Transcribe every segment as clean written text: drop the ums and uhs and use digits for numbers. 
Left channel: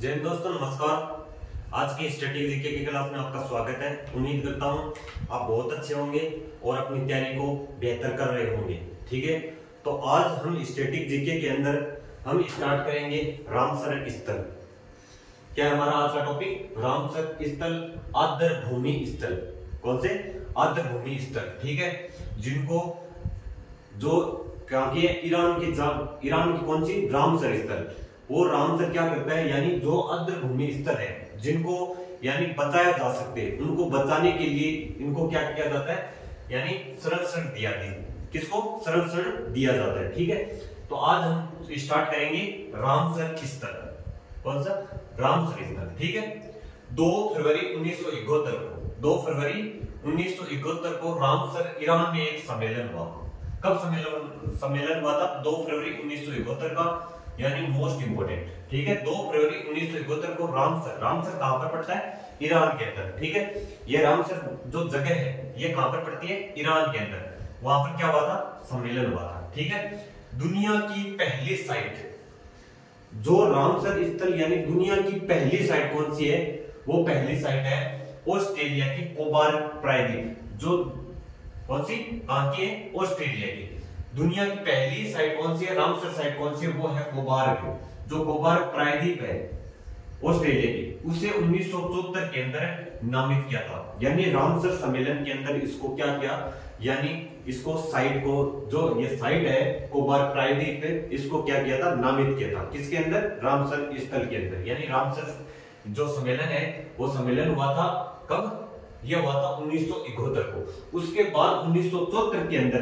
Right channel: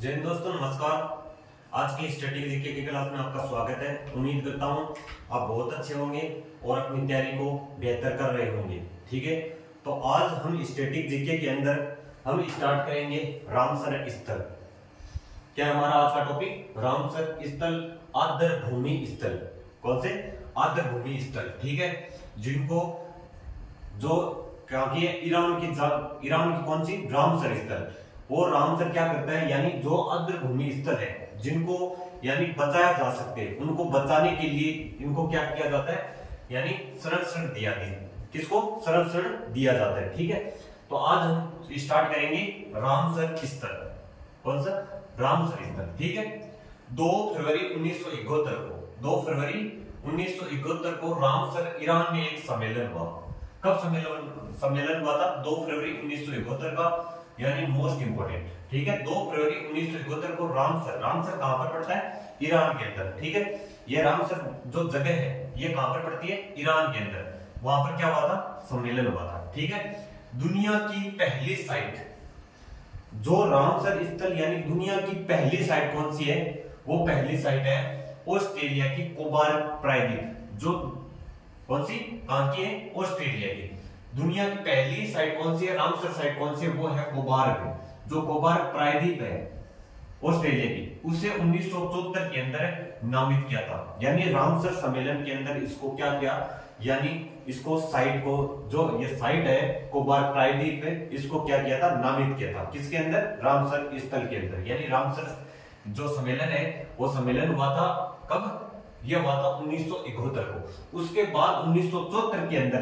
जय हिंद दोस्तों, नमस्कार। आज की स्टैटिक जीके की क्लास में आपका स्वागत है। उम्मीद करता हूं आप बहुत अच्छे होंगे और अपनी तैयारी को बेहतर कर रहे होंगे। ठीक है, तो आज हम स्टैटिक जीके के अंदर हम स्टार्ट करेंगे रामसर स्थल। क्या है हमारा आज का टॉपिक? रामसर स्थल, आर्द्र भूमि स्थल। कौन से? आर्द्र भूमि स्थल। ठीक है, जिनको जो क्या की ईरान की कौन सी रामसर स्थल, वो रामसर क्या करता है, यानी जो आर्द्र भूमि स्थल है जिनको यानी बचाया जा सकते, उनको बचाने के लिए इनको क्या किया जाता है, यानी संरक्षण दिया जाता है। किसको संरक्षण दिया जाता है? ठीक है, तो आज हम स्टार्ट करेंगे रामसर स्थल। कौन सा? रामसर स्थल। ठीक है, 2 फरवरी 1971 को 2 फरवरी 1971 को रामसर ईरान में एक सम्मेलन हुआ। कब सम्मेलन हुआ था? 2 फरवरी 1971 का, यानी मोस्ट इंपोर्टेंट। ठीक है, 2 फरवरी 1971 को रामसर कहां पर पड़ता है? ईरान के अंदर। ठीक है, ये रामसर जो जगह है ये कहां पर पड़ती है? ईरान के अंदर। वहां पर क्या हुआ था? सम्मेलन हुआ था। ठीक है, दुनिया की पहली साइट जो रामसर स्थल यानी दुनिया की पहली साइट कौन सी है? वो पहली साइट है ऑस्ट्रेलिया की कोबार्ग प्रायद्वीप। जो कौन सी? कहां की है? ऑस्ट्रेलिया की। दुनिया की पहली साइट कौन सी है? रामसर साइट कौन सी है? वो है कोबार्ग। जो कोबार्ग प्रायद्वीप है ऑस्ट्रेलिया की, उसे 1974 के अंदर नामित किया था। यानी रामसर सम्मेलन के अंदर इसको क्या किया, यानी इसको साइट को, जो ये साइट है कोबार्ग प्रायद्वीप है, इसको क्या किया था? नामित किया था। किसके अंदर? रामसर स्थल के अंदर। यानी रामसर जो सम्मेलन है वो सम्मेलन हुआ था कब? यह हुआ था 1971 को। उसके बाद 1974 के अंदर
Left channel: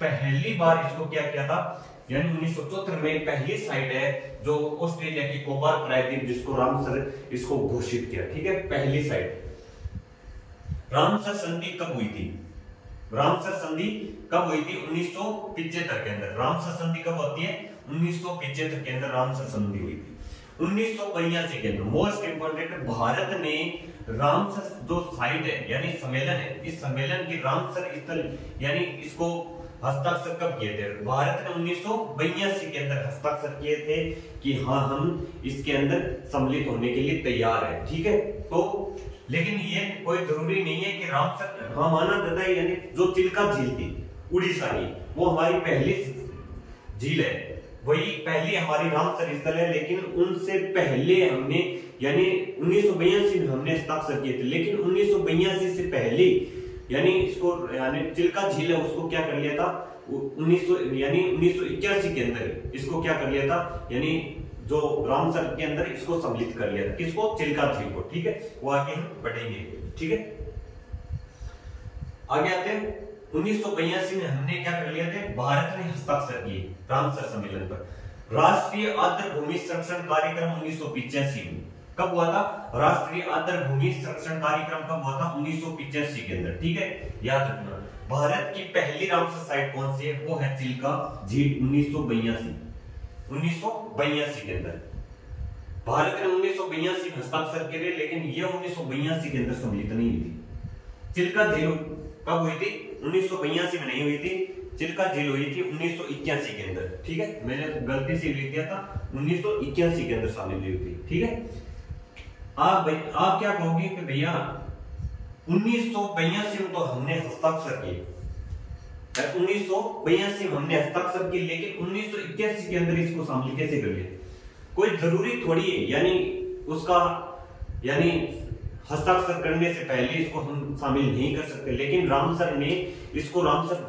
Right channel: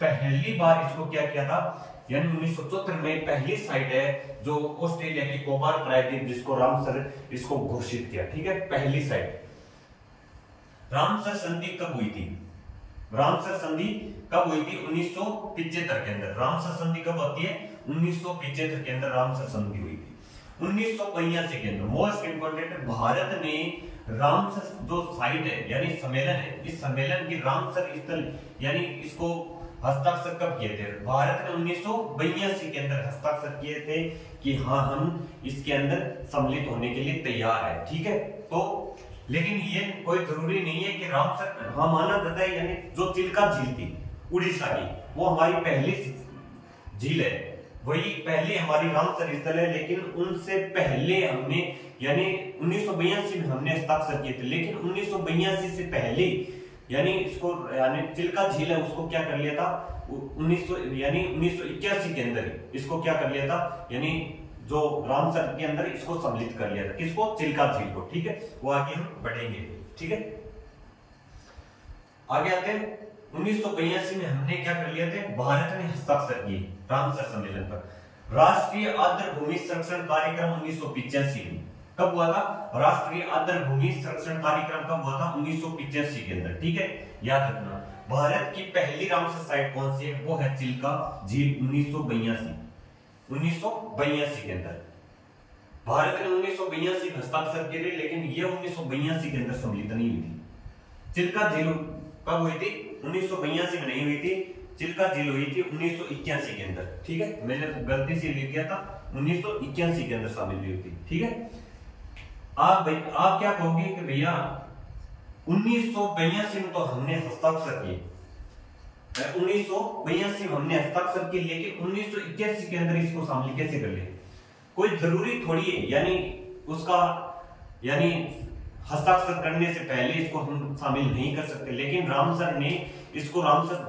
पहली बार इसको क्या किया था, यानी 1974 में पहली साइट है जो ऑस्ट्रेलिया की कोबार्ग प्रायद्वीप, जिसको रामसर इसको घोषित किया। ठीक है, पहली साइट। रामसर संधि कब हुई थी? रामसर संधि कब हुई थी? 1975 के अंदर। रामसर संधि कब होती है? 1975 के अंदर रामसर संधि हुई थी। 1982 के अंदर मोस्ट इंपोर्टेंट, भारत ने रामसर जो साइट है यानी सम्मेलन है, इस सम्मेलन की रामसर स्थल यानी इसको हस्ताक्षर कब किए थे? भारत ने 1982 के अंदर हस्ताक्षर किए थे कि हाँ हम इसके अंदर सम्मिलित होने के लिए तैयार हैं। ठीक है, तो लेकिन ये कोई जरूरी नहीं है कि रामसर, हाँ माना जाता है, यानी जो चिल्का झील थी उड़ीसा की, वो हमारी पहली झील है, वही पहली हमारी रामसर स्थल है। लेकिन उनसे पहले हमने यानी 1982 में हमने हस्ताक्षर किए थे, लेकिन 1982 से पहले यानी इसको यानी चिल्का झील है उसको क्या कर लिया था? 1981 के अंदर इसको क्या कर लिया था, यानी जो रामसर के अंदर इसको सम्मिलित कर लिया था। किसको? चिल्का झील को। ठीक है, वो आगे हम बढ़ेंगे। ठीक है, आगे आते हैं। 1982 में हमने क्या कर लिया थे? भारत ने हस्ताक्षर किए रामसर सम्मेलन पर। राष्ट्रीय आर्द्र भूमि संरक्षण कार्यक्रम 1985 में कब हुआ था? राष्ट्रीय आर्द्र भूमि संरक्षण कार्यक्रम कब हुआ था? 1985 के अंदर। ठीक है, याद रखना। भारत की पहली रामसर साइट कौन सी है? वो है चिल्का झील। 1982 के अंदर भारत ने 1982 में हस्ताक्षर किए, लेकिन ये 1982 के अंदर सम्मिलित नहीं हुई थी। चिल्का झील कब हुई थी? 1982 में नहीं हुई थी। चिल्का झील हुई थी 1981 के अंदर। ठीक है, मैंने गलती से लिख दिया था, 1981 के अंदर शामिल हुई थी। ठीक है, आप क्या कहोगे कि भैया 1982 में तो हमने हस्ताक्षर किए, 1982 में हमने हस्ताक्षर किए, लेकिन 1981 के अंदर इसको शामिल कैसे कर लिया? कोई जरूरी थोड़ी है, यानी उसका यानी हस्ताक्षर करने से पहले इसको हम शामिल नहीं कर सकते, लेकिन रामसर ने इसको रामसर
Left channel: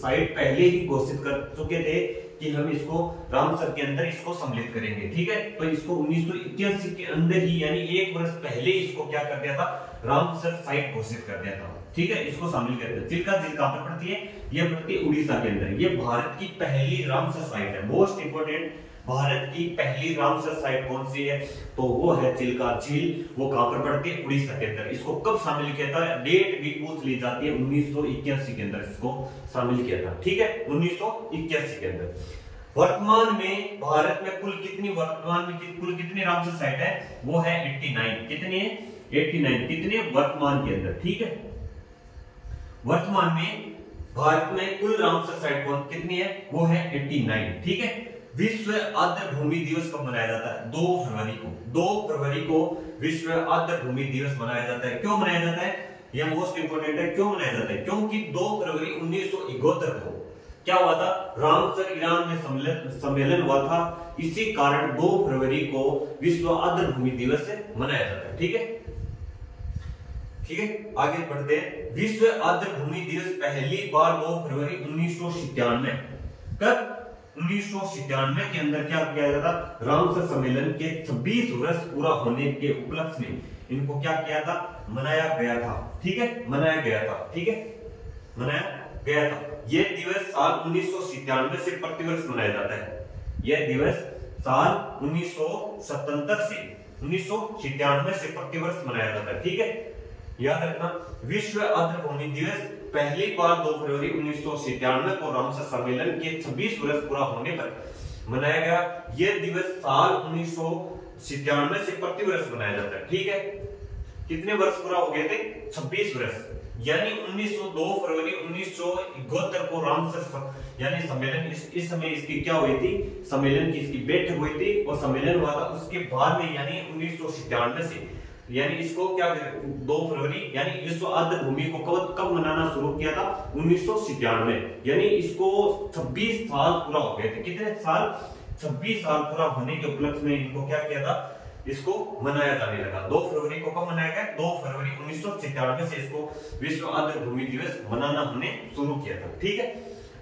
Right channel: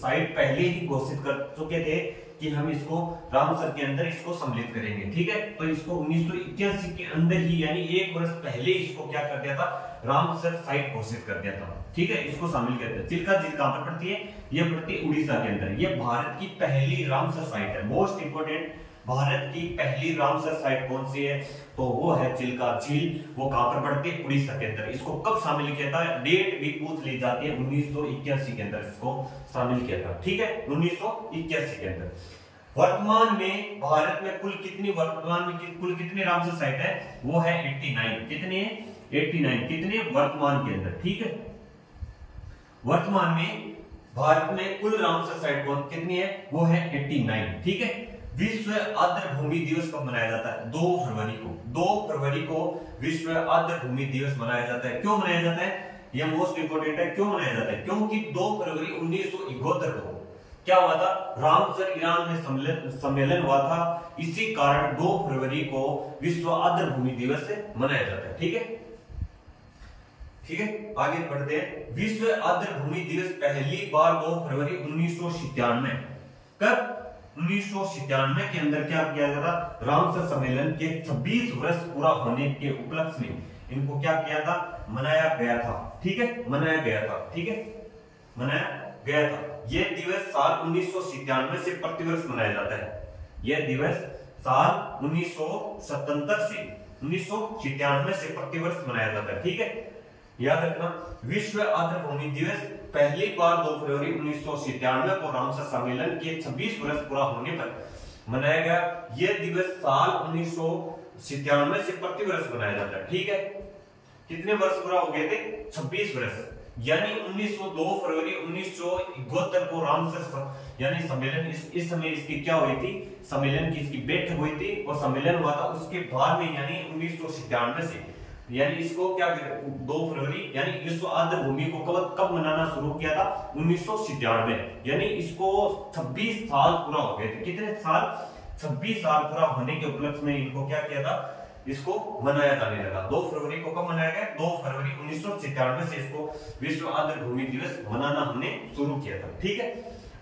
साइट पहले ही घोषित कर चुके थे कि हम इसको रामसर के अंदर इसको सम्मिलित करेंगे। ठीक है, तो इसको 1981 के अंदर ही यानी 1 वर्ष पहले इसको क्या कर दिया था? रामसर साइट घोषित कर दिया था। ठीक है, इसको शामिल कर दिया। चिल्का झील कहां पर पड़ती है? ये पड़ती है उड़ीसा के अंदर। ये भारत की पहली रामसर साइट है। मोस्ट इंपोर्टेंट, भारत की पहली रामसर साइट कौन सी है? तो वो है चिल्का झील। वो कहां पर पड़ती है? उड़ीसा के अंदर। इसको कब शामिल किया था? डेट भी पूछ ली जाती है, 1981 के अंदर इसको शामिल किया था। ठीक है, 1981 के अंदर। वर्तमान में भारत में कुल कितनी रामसर साइट है? वो है 89। कितनी है? 89। कितने वर्तमान के अंदर? ठीक है, वर्तमान में भारत में कुल रामसर साइट कितनी है? वो है 89। ठीक है, विश्व आर्द्र भूमि दिवस कब मनाया जाता है? 2 फरवरी को। 2 फरवरी को विश्व आर्द्र भूमि दिवस मनाया जाता है। क्यों मनाया जाता है? यह मोस्ट इंपोर्टेंट है। क्यों मनाया जाता है? क्योंकि 2 फरवरी 1971 को क्या हुआ था? रामसर ईरान में सम्मेलन हुआ था। इसी कारण 2 फरवरी को विश्व आर्द्र भूमि दिवस मनाया जाता है। ठीक है, ठीक है, आगे बढ़ते हैं। विश्व आर्द्र भूमि दिवस पहली बार 2 फरवरी 1997 कब? 1997 के अंदर क्या किया गया था? रामसर सम्मेलन के 26 वर्ष पूरा होने के उपलक्ष्य में इनको क्या किया था? मनाया गया था। ठीक है, मनाया गया था। ठीक है, मनाया गया था। यह दिवस साल 1997 से प्रतिवर्ष मनाया जाता है। यह दिवस साल 1977 से 1997 से प्रतिवर्ष मनाया जाता है। ठीक है, याद रखना, विश्व आर्द्र भूमि दिवस पहली बार 2 फरवरी 1997 को रामसर सम्मेलन के 26 वर्ष पूरा होने पर मनाया गया। यह दिवस साल 1997 से प्रतिवर्ष मनाया जाता है। ठीक है, कितने वर्ष पूरा हो गए थे? 26 वर्ष। यानी 2 फरवरी 1971 को रामसर यानी सम्मेलन इस समय इसकी क्या हुई थी? सम्मेलन की इसकी बैठक हुई थी और सम्मेलन हुआ था। उसके बाद में यानी 1997 से यानी इसको क्या 2 फरवरी यानी विश्व आर्द्र भूमि को कब मनाना शुरू किया था? 1997। यानी इसको 26 साल पूरा हो गए थे। कितने साल? 26 साल पूरा होने के उपलक्ष्य में इनको क्या किया था? इसको मनाया जाने लगा। 2 फरवरी को कब मनाया गया? 2 फरवरी 1997 से इसको विश्व आर्द्र भूमि दिवस मनाना हमने शुरू किया था। ठीक है,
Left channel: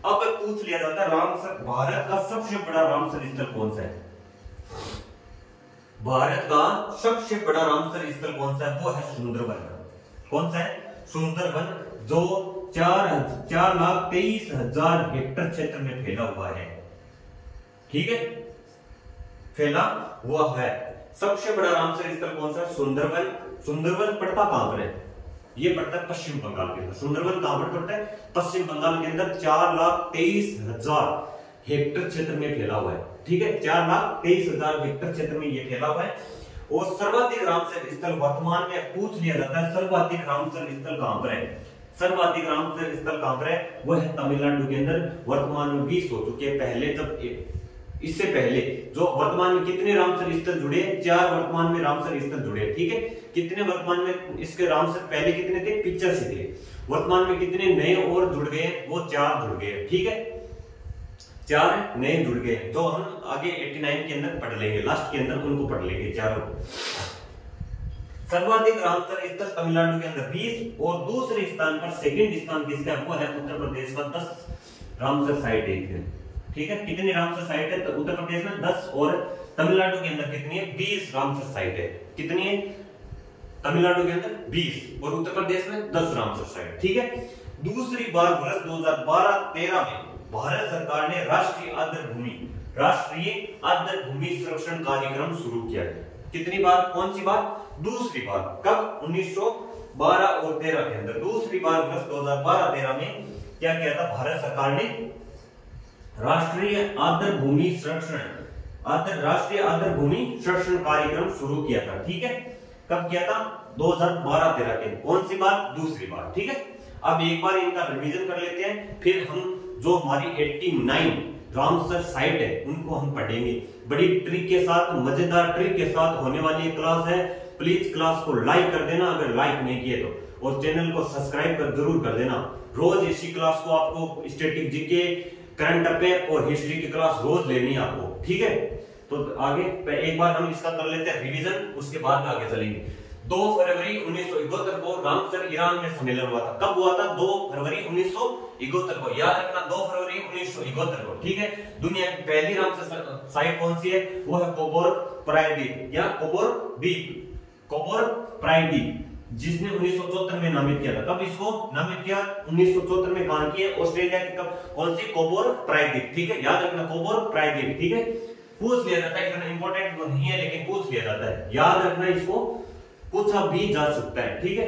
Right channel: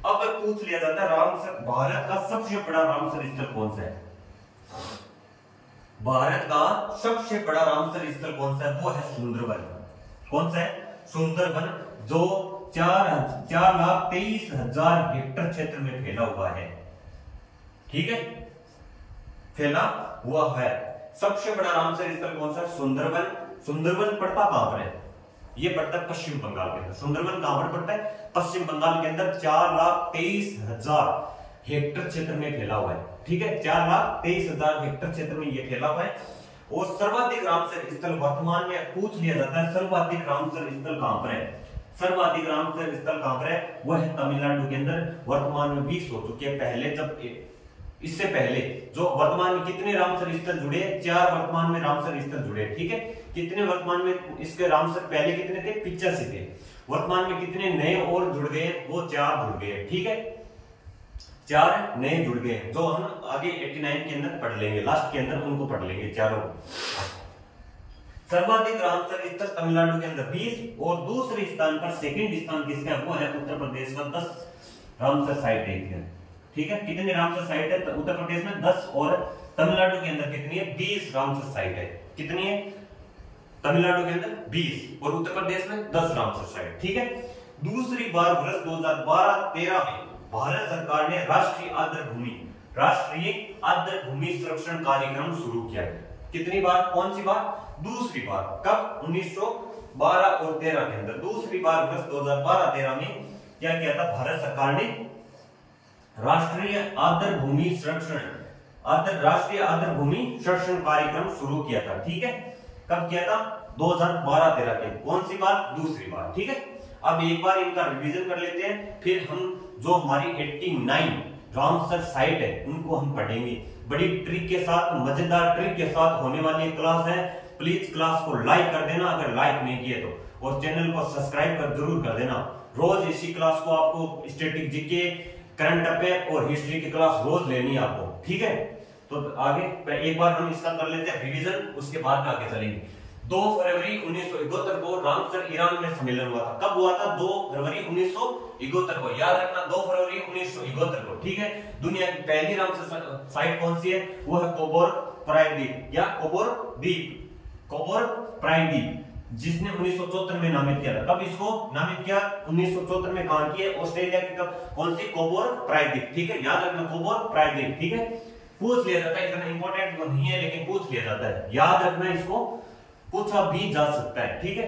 अब पूछ लिया जाता है रामसर भारत का सबसे बड़ा रामसर स्थल कौन सा है? भारत का सबसे बड़ा रामसर स्थल कौन सा है? वो है सुंदरवन। कौन सा है? सुंदरवन, जो 4,23,000 हेक्टेयर क्षेत्र में फैला हुआ है। ठीक है, फैला हुआ है। सबसे बड़ा रामसर स्थल कौन सा है? सुंदरवन। सुंदरवन पड़ता कहां पर है? ये पड़ता है पश्चिम बंगाल के अंदर। सुंदरवन कहां पर पड़ता है? पश्चिम बंगाल के अंदर 4,23,000 हेक्टेयर क्षेत्र में फैला हुआ है। ठीक है, 4,23,000 हेक्टेयर क्षेत्र में ये फैला हुआ है। और सर्वाधिक रामसर स्थल वर्तमान में पूछ लिया जाता है, सर्वाधिक रामसर स्थल कहां पर है? सर्वाधिक रामसर स्थल कहां पर है? वह है तमिलनाडु के अंदर। वर्तमान में 20 हो चुके हैं। पहले जब इससे पहले जो वर्तमान में कितने रामसर स्थल जुड़े? 4 वर्तमान में रामसर स्थल जुड़े। ठीक है, कितने वर्तमान में इसके रामसर पहले कितने थे? 85 थे। वर्तमान में कितने नए और जुड़ गए? वो 4 जुड़ गए। ठीक है, 4 नए जुड़ गए, जो हम आगे 89 के अंदर पढ़ लेंगे, लास्ट के अंदर उनको पढ़ लेंगे चारों। सर्वाधिक रामसर स्थल तमिलनाडु के अंदर 20 और दूसरे स्थान पर सेकंड स्थान किसका है? वो है उत्तर प्रदेश का। 10 रामसर साइट है। ठीक है, कितने रामसर साइट है? तो उत्तर प्रदेश में 10 और तमिलनाडु के अंदर कितनी है? 20 रामसर साइट है। कितनी है? तमिलनाडु के अंदर 20 और उत्तर प्रदेश में 10 रामसर साइट। ठीक है, दूसरी बार वर्ष 2012-13 में भारत सरकार ने राष्ट्रीय आर्द्र भूमि संरक्षण कार्यक्रम शुरू किया है। कितनी बार? कौन सी बार? दूसरी बार। कब? 1912 और 13 के अंदर। दूसरी बार वर्ष 2012-13 में क्या किया था? भारत सरकार ने राष्ट्रीय आर्द्र भूमि संरक्षण कार्यक्रम शुरू किया था। ठीक है, कब किया था? 2012-13 के। कौन सी बार? दूसरी बार। ठीक है, अब एक बार इनका रिवीजन कर लेते हैं, फिर हम जो हमारी 89 रामसर साइट है उनको हम पढ़ेंगे। बड़ी ट्रिक के साथ, मजेदार ट्रिक के साथ होने वाली क्लास है। प्लीज क्लास को लाइक कर देना अगर लाइक नहीं किए तो, और चैनल को सब्सक्राइब कर जरूर कर देना। रोज इसी क्लास को आपको स्टैटिक जीके, करंट अफेयर और हिस्ट्री की क्लास रोज लेनी है आपको। ठीक है, तो आगे एक बार हम इसका कर लेते हैं रिवीजन, उसके बाद में आगे चलेंगे। 2 फरवरी 1971 को रामसर ईरान में सम्मेलन हुआ था। कब हुआ था? 2 फरवरी 1971 को। याद रखना, 2 फरवरी 1971 को। ठीक है, दुनिया की पहली रामसर साइट कौन सी है? वो है कोबोर प्रायद्वीप या कोबोर द्वीप, कोबोर प्रायद्वीप, जिसने 1974 में नामित किया था। कब इसको नामित किया? 1974 में। कहां की है? ऑस्ट्रेलिया की। कौन सी? कोबोर प्रायद्वीप। ठीक है, याद रखना, कोबोर प्रायद्वीप। ठीक है, पूछ लिया जाता है, इतना इंपॉर्टेंट नहीं है लेकिन पूछ लिया जाता है, याद रखना, इसको पूछा भी जा सकता है। ठीक है,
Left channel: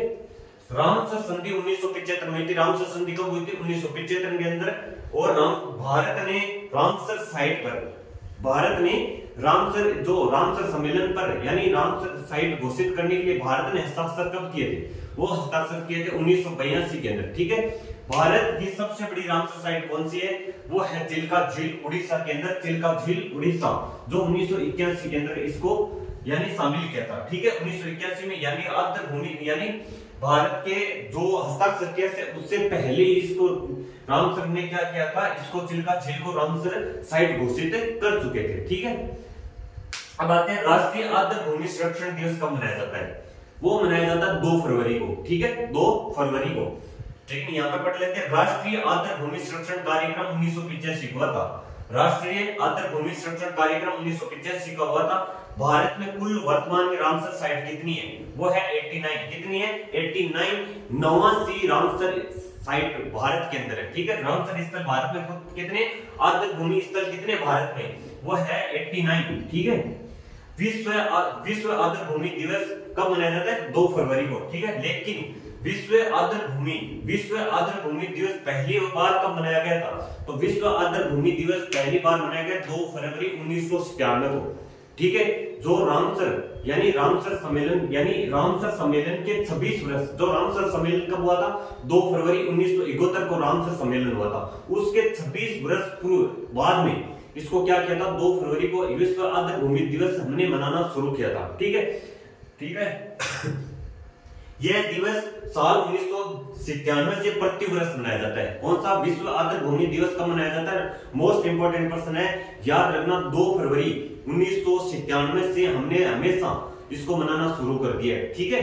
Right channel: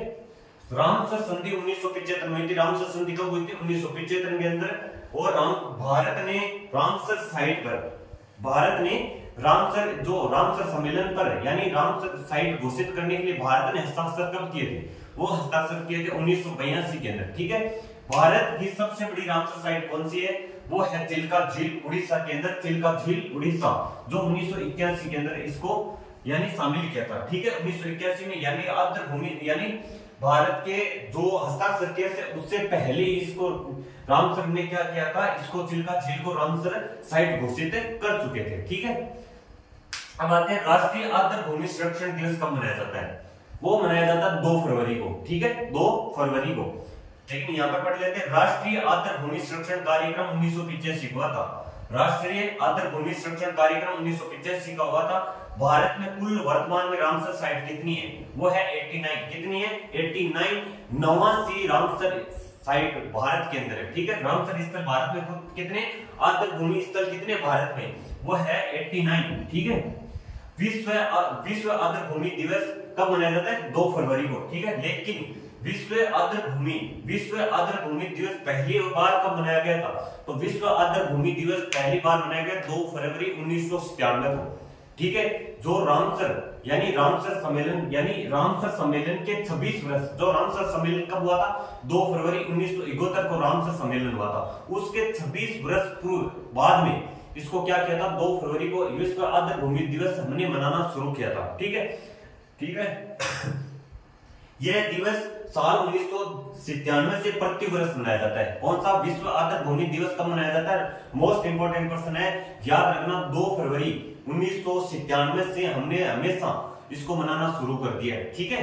रामसर संधि 1975 में हुई थी। रामसर संधि कब हुई थी? 1975 के अंदर। और भारत ने रामसर साइट पर, भारत ने रामसर सम्मेलन पर यानी रामसर साइट घोषित करने के लिए भारत ने हस्ताक्षर कब किए थे? वो हस्ताक्षर किए थे 1982 के अंदर। ठीक है, भारत की सबसे बड़ी रामसर साइट कौन सी है? वो है चिल्का झील उड़ीसा के अंदर, चिल्का झील उड़ीसा, जो 1981 के अंदर इसको यानी शामिल किया था। ठीक है, 1981 में यानी आर्द्र भूमि यानी भारत के जो हस्ताक्षर किया से उससे पहले इसको रामसर ने क्या किया था, इसको चिल्का झील को रामसर साइट घोषित कर चुके थे। ठीक है, अब आते हैं राष्ट्रीय आर्द्र भूमि संरक्षण दिवस कब मनाया जाता है। वो मनाया जाता है 2 फरवरी को। ठीक है, 2 फरवरी को। लेकिन यहाँ पर पढ़ लेते हैं, राष्ट्रीय आर्द्र भूमि संरक्षण कार्यक्रम 1985 हुआ था। राष्ट्रीय आर्द्र भूमि संरक्षण कार्यक्रम 1985 का हुआ था। भारत में कुल वर्तमान में रामसर साइट कितनी है, वो है 89। कितनी है, 89 89 रामसर साइट भारत के अंदर है। ठीक है, रामसर स्थल भारत में कितने, आर्द्र भूमि स्थल कितने भारत में, वो है 89। ठीक है, विश्व आर्द्र भूमि दिवस कब मनाया जाता है, 2 फरवरी को। ठीक है, लेकिन विश्व आर्द्र भूमि दिवस पहली बार कब मनाया गया था, तो विश्व आर्द्र भूमि दिवस पहली बार मनाया गया 2 फरवरी 1997 को। ठीक है, जो रामसर सम्मेलन के 26 वर्ष, जो रामसर सम्मेलन कब हुआ था, 2 फरवरी 1971 को रामसर सम्मेलन हुआ था। उसके 26 वर्ष पूर्व बाद में इसको क्या किया था, 2 फरवरी को विश्व आर्द्र भूमि दिवस हमने मनाना शुरू किया था। ठीक है यह दिवस साल 1997 से प्रति वर्ष मनाया जाता है। कौन सा, विश्व आर्द्र भूमि दिवस कब मनाया जाता है, मोस्ट इंपोर्टेंट पर्सन है, याद रखना 2 फरवरी 1997 से हमने हमेशा इसको मनाना शुरू कर दिया है। ठीक है,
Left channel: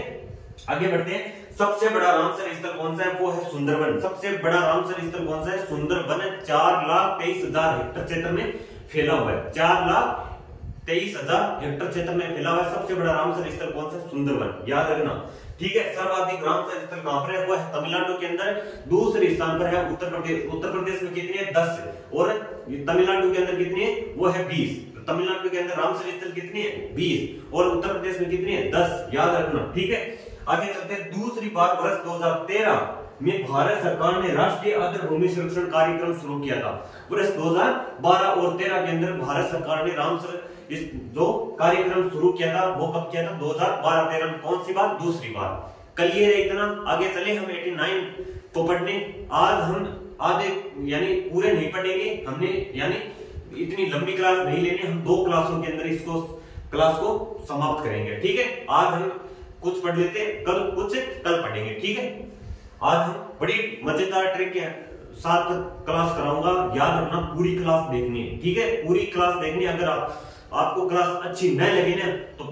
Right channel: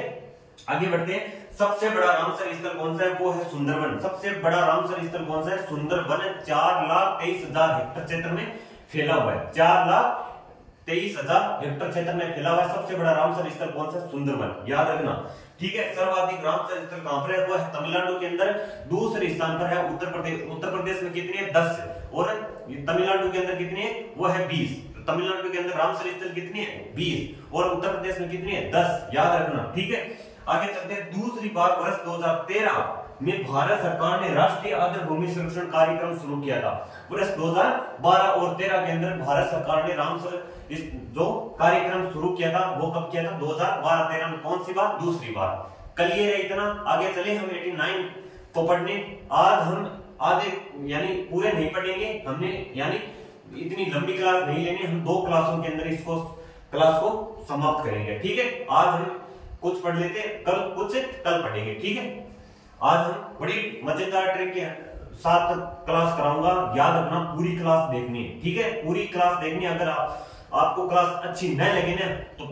आगे बढ़ते हैं। सबसे बड़ा रामसर स्थल कौन सा है, वो है सुंदरवन। सबसे बड़ा रामसर स्थल कौन सा है, सुंदरवन। 4,23,000 हेक्टेयर क्षेत्र में फैला हुआ है। 4,23,000 हेक्टेयर क्षेत्र में फैला हुआ है। सबसे बड़ा रामसर स्थल कौन सा है, सुंदरवन, याद रखना। ठीक है, सर्वाधिक रामसर स्थल कहां पर है, वो है तमिलनाडु के अंदर। दूसरे स्थान पर है उत्तर प्रदेश। उत्तर प्रदेश में कितनी है, 10, और तमिलनाडु के अंदर कितनी है, वो है 20। तमिलनाडु के अंदर रामसर स्थल कितनी है, 20, और उत्तर प्रदेश में कितनी है, 10, याद रखना। ठीक है, आगे चलते हैं। दूसरी बार वर्ष 2013 में भारत सरकार ने राष्ट्रीय आर्द्र भूमि संरक्षण कार्यक्रम शुरू किया था। वर्ष 2012 और 13 के अंदर भारत सरकार ने रामसर इस जो कार्यक्रम शुरू किया था, वो कब किया था, 2012-13 में। कौन सी बार, दूसरी बार। क्लियर है इतना। आगे चले हम 89 को पढ़ने। आज हम आधे यानी पूरे नहीं पढ़ेंगे, हमने यानी इतनी लंबी क्लास नहीं लेनी, हम 2 क्लासों के अंदर इसको क्लास को समाप्त करेंगे। ठीक है, आज हम कुछ पढ़ लेते हैं, कल पढ़ेंगे। ठीक है, आज हम बड़ी मजेदार ट्रिक के साथ क्लास कराऊंगा, याद रखना पूरी क्लास देखनी है। ठीक है, पूरी क्लास देखनी है। अगर आपको क्लास अच्छी न लगे ना तो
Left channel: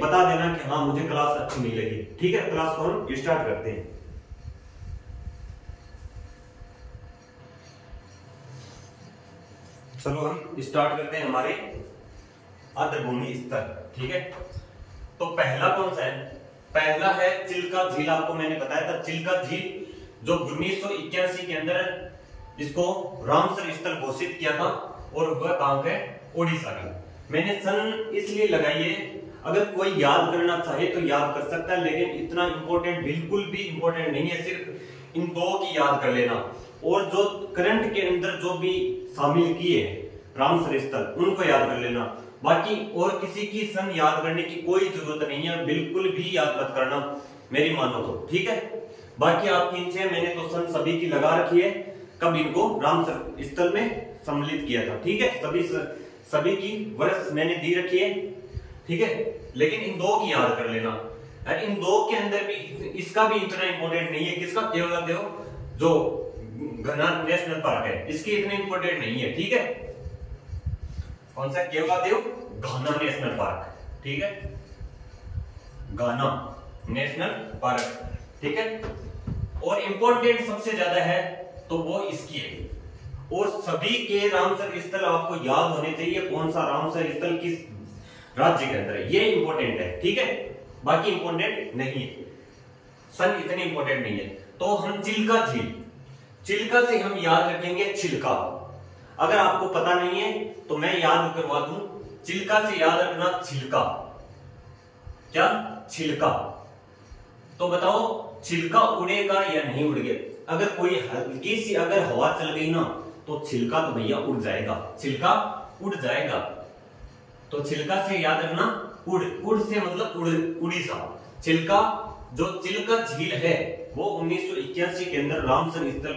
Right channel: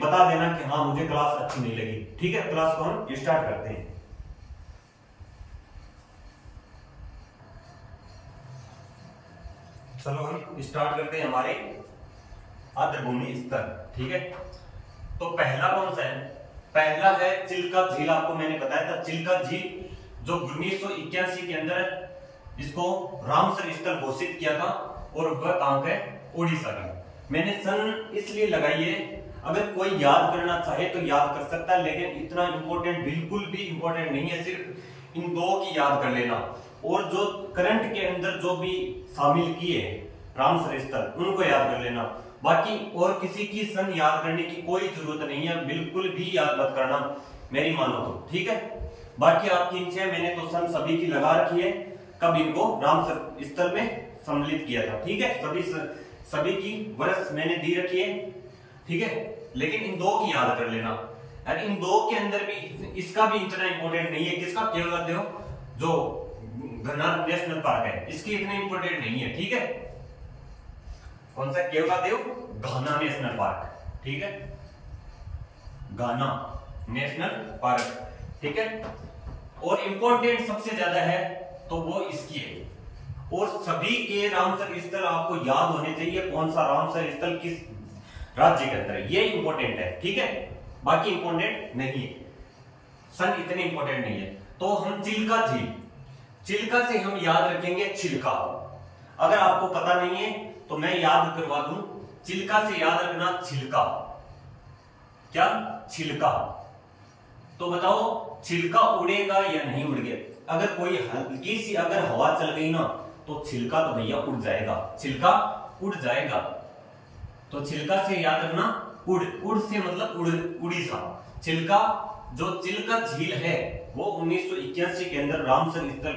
बता देना कि हाँ मुझे क्लास अच्छी नहीं लगी। ठीक है, क्लास को हम स्टार्ट करते हैं। चलो हम स्टार्ट करते हैं हमारे आर्द्र भूमि स्तर। ठीक है, तो पहला कौन सा है, पहला है चिल्का झील। आपको मैंने बताया था चिल्का झील जो 1981 के अंदर इसको रामसर स्थल घोषित किया था, और वह कहां पे, उड़ीसा का। मैंने सन इसलिए लगाई है, अगर कोई याद करना चाहे तो याद कर सकता है, लेकिन इतना इंपॉर्टेंट बिल्कुल भी इंपॉर्टेंट नहीं है, सिर्फ इन 2 की याद कर लेना। और जो करंट के अंदर जो भी शामिल किए रामसर स्थल उनको याद कर लेना। बाकी और किसी की सन याद करने की कोई जरूरत नहीं है, बिल्कुल भी याद मत करना मेरी मानो तो। ठीक है, बाकी आपकी इच्छा, मैंने तो सन सभी की लगा रखी है, कब इनको रामसर स्थल में सम्मिलित किया था। ठीक है, सभी की वर्ष मैंने दी रखी है। ठीक है, लेकिन इन 2 की याद कर लेना। इन 2 के अंदर भी इसका भी इतना इंपॉर्टेंट नहीं है, किसका, केवलादेव जो घना नेशनल पार्क है, इसकी इतनी इंपॉर्टेंट नहीं है। ठीक है, कौन सा, केवलादेव घना नेशनल पार्क। ठीक है, घना नेशनल पार्क। ठीक है, और इंपॉर्टेंट सबसे ज्यादा है तो वो इसकी है। और सभी के रामसर स्थल आपको याद होने चाहिए, कौन सा रामसर स्थल किस राज्य के अंदर है, ये इंपॉर्टेंट है। ठीक है, बाकी इंपॉर्टेंट नहीं है, सन इतने इंपॉर्टेंट नहीं है। तो हम चिल्का से हम याद रखेंगे छिलका। अगर आपको पता नहीं है तो मैं याद करवा दूं, चिल्का से याद रखना छिलका। क्या, छिलका। तो बताओ छिलका उड़ेगा या नहीं उड़ेगा। अगर कोई हल्की सी अगर हवा चल गई ना तो छिलका तो भैया उड़ जाएगा, छिलका उड़ जाएगा। तो छिलका से याद रखना उड़ से मतलब उड़ीसा। चिल्का जो चिल्का झील है वो 1981 के अंदर रामसर स्थल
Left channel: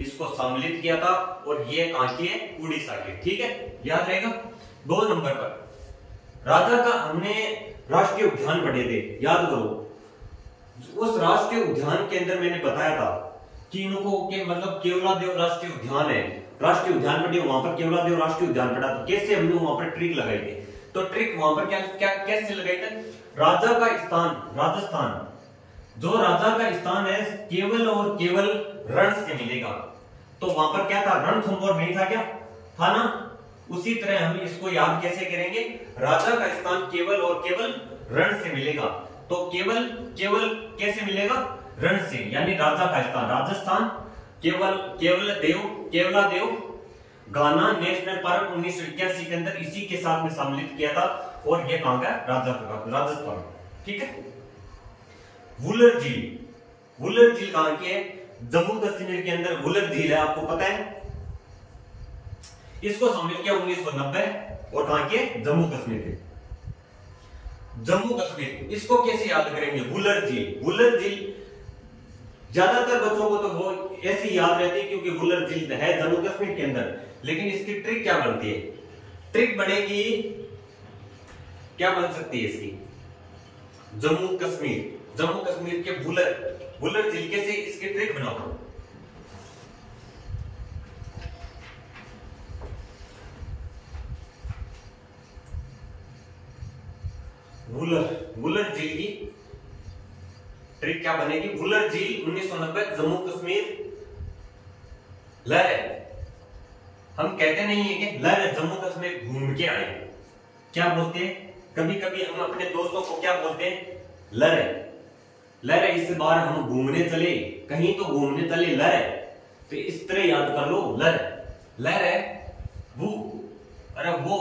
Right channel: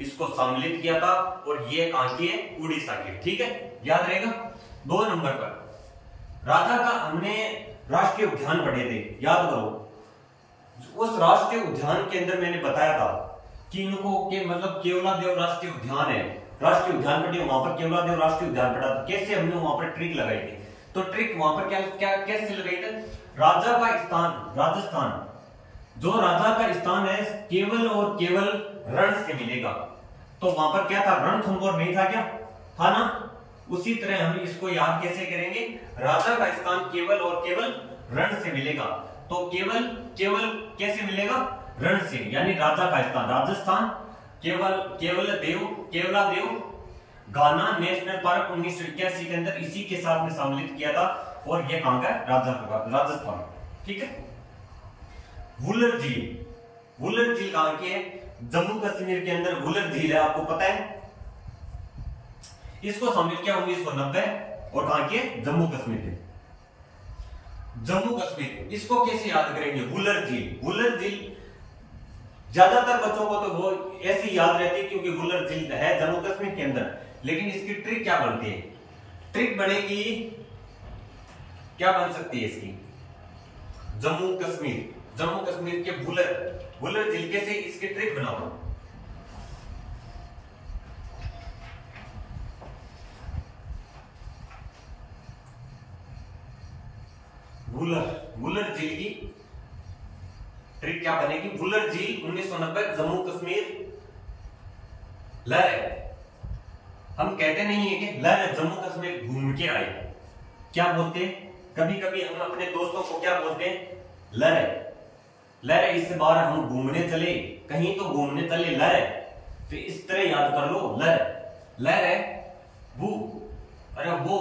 इसको सम्मिलित किया था, और ये कहां की है, उड़ीसा की। ठीक है, याद रहेगा। 2 नंबर पर राजा का हमने राष्ट्रीय उद्यान पढ़े थे, याद करो। उस राष्ट्रीय उद्यान के अंदर मैंने बताया था कि इनको के मतलब केवलादेव राष्ट्रीय उद्यान है, राष्ट्रीय उद्यान पढ़े, वहां पर केवलादेव राष्ट्रीय उद्यान पढ़ा था। कैसे हमने वहां पर ट्रिक लगाई थी, तो ट्रिक वहां पर क्या कैसे लगाई थी, राजा का स्थान राजस्थान, जो राजा का स्थान है केवल और केवल रण से मिलेगा। तो वहां पर क्या था, रणथंभौर नहीं था क्या, था ना। उसी तरह हम इसको याद कैसे करेंगे, राजा का स्थान केवल और केवल रण से मिलेगा। तो केवल केवल कैसे मिलेगा, रण से, यानी राजा का स्थान राजस्थान, केवलादेव गाना नेशनल पार्क 1981 के अंदर इसी के साथ में सम्मिलित किया था, और ये कहां का, राजस्थान। ठीक है। वुलर झील कहां की है, जम्मू कश्मीर के अंदर वुलर झील है, आपको पता है। इसको सम्मिलित किया 1990, और कहां की है, जम्मू कश्मीर के। जम्मू कश्मीर, इसको कैसे याद करेंगे, वुलर झील ज्यादातर बच्चों को तो वो ऐसी याद रहती है क्योंकि वुलर झील है जम्मू कश्मीर के अंदर। लेकिन इसकी ट्रिक क्या बनती है, ट्रिक बनेगी, क्या बन सकती है इसकी, जम्मू कश्मीर के वुलर झील कैसे, इसकी ट्रिक बनाओ। वुलर झील की ट्रिक क्या बनेगी, वुलर झील 1990 जम्मू कश्मीर लहर है। हम कहते नहीं है कि लहर जम्मू कश्मीर घूम के आए, क्या बोलते हैं, कभी कभी हम अपने दोस्तों को क्या बोलते हैं, लहर इस बार हम घूमने चले, कहीं तो घूमने चले, लहर। तो इस तरह याद कर लो, लहर है वो, अरे वो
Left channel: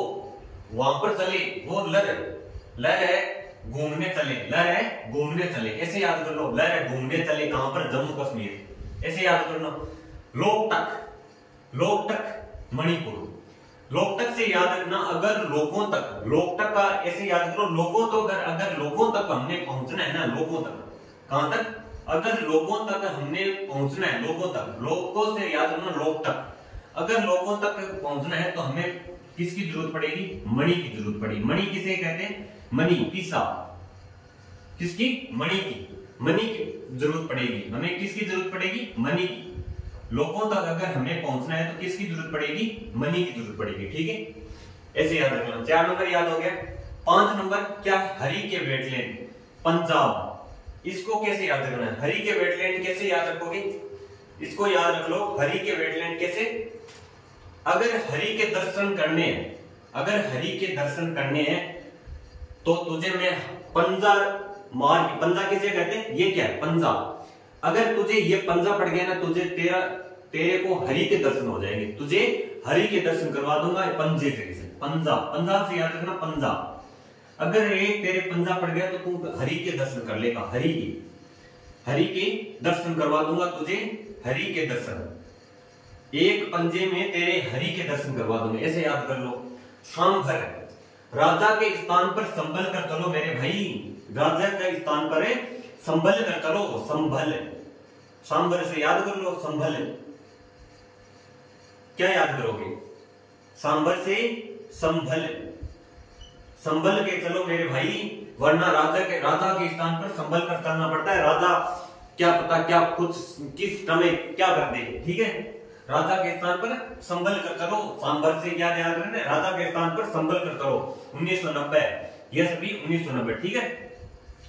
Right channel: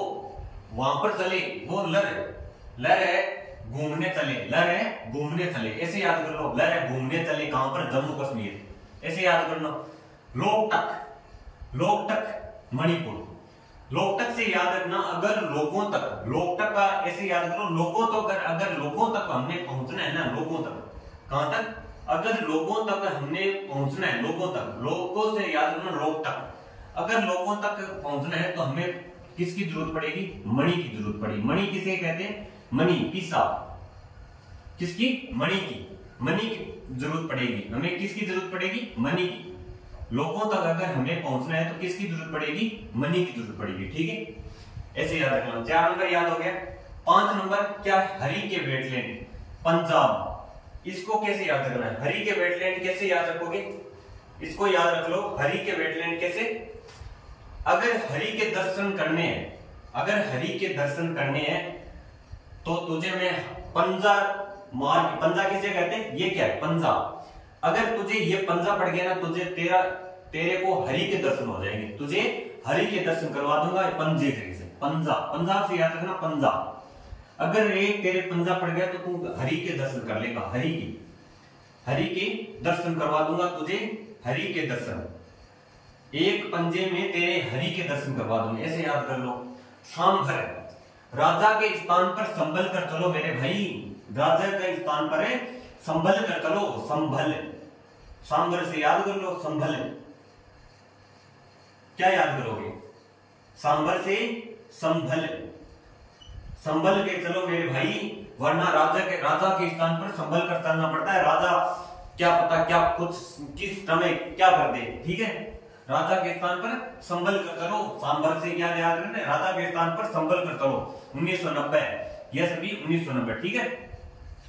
वहां पर चले, वो लहर है घूमने चले, ऐसे याद कर लो, लहर है घूमने चले, कहां पर, जम्मू कश्मीर, ऐसे याद कर लो। लोकटक मणिपुर, लोकटक से याद रखना, अगर लोगों तक, लोकटक का ऐसे याद करो, लोगों तो अगर लोगों तक हमने पहुंचना है ना, लोगों तक, कहां तक, अगर लोगों तक हमने पहुंचना है, लोगों से याद रखना, लोकटक, अगर लोगों तक पहुंचना है तो हमें किसकी जरूरत पड़ेगी, मणि की जरूरत पड़ेगी। मणि किसे कहते हैं, मणि, पीसा, किसकी, मणि की जरूरत पड़ेगी हमें, किसकी जरूरत पड़ेगी, मणि की। लोगों तक अगर हमें पहुंचना है तो किसकी जरूरत पड़ेगी, मणि की जरूरत पड़ेगी। ठीक है, ऐसे याद रखना। 4 नंबर याद हो गया। 5 नंबर क्या, हरी के वेटलैंड, पंजाब, इसको कैसे याद रखना है, हरी के वेटलैंड कैसे याद रखोगे, इसको याद रख लो, हरी के वेटलैंड कैसे, अगर हरि के दर्शन करने हैं तो तुझे मैं पंजा मार, पंजा किसे कहते हैं, ये क्या है, पंजा, अगर तुझे ये पंजा पड़ गया ना, तुझे तेरे को हरि के दर्शन हो जाएंगे, तुझे हरि के दर्शन करवा दूंगा पंजे से, पंजा से याद रखना, पंजा, अगर एक तेरे पंजा पड़ गया तो तू हरि के दर्शन कर लेगा, हरि के दर्शन करवा दूंगा तुझे, हरि के दर्शन, एक पंजे में तेरे हरि के दर्शन करवा दूंगा, ऐसे याद कर लो। सांभर, राजा के स्थान पर संभल कर चलो मेरे भाई, राजा के स्थान पर संभल कर चलो, संभल, सांभर से याद कर लो, संभल, क्या याद करोगे, सांभर से संभल के चलो मेरे भाई, वरना राजा के स्थान पर संभल कर चलना पड़ता है, राजा क्या पता क्या कुछ किस समय क्या कर दे। ठीक है, राजा के स्थान पर संभल कर चलो, सांभर से क्या याद रखना है, राजा के स्थान पर संभल कर चलो, 1990, ये सभी 1990। ठीक है।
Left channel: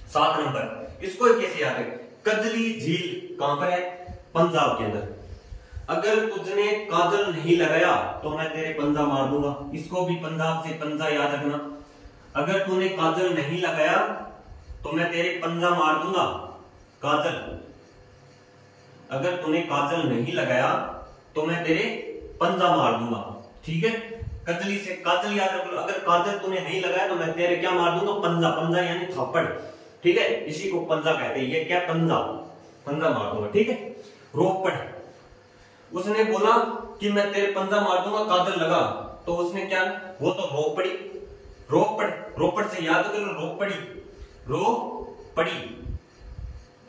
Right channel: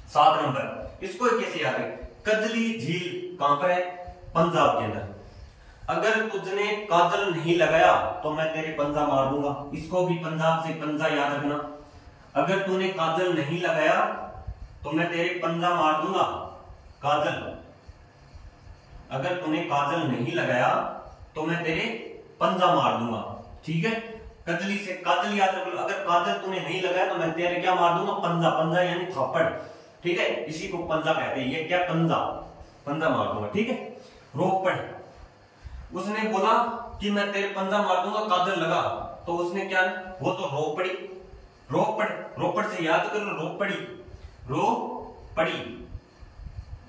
7 नंबर, इसको कैसे याद है, कजली झील कहां पर है, पंजाब के अंदर, अगर तुझने काजल नहीं लगाया तो मैं तेरे पंजा मार दूंगा, इसको भी पंजाब से पंजा याद रखना, अगर तूने काजल नहीं लगाया तो मैं तेरे पंजा मार दूंगा, काजल, अगर तूने काजल नहीं लगाया तो मैं तेरे पंजा मार दूंगा। ठीक है, कजली से काजल याद रखो, अगर काजल तूने नहीं लगाया तो मैं तेरे क्या मार दूंगा, पंजा यानी थप्पड़। ठीक है, इसी को पंजा कहते हैं, ये क्या, पंजा मार दूंगा। ठीक है। रोपड़, उसने बोला कि मैं तेरे पंजा मार दूंगा, काजल लगा, तो उसने क्या, वो तो रोपड़ से याद कर लो, रोपड़ी,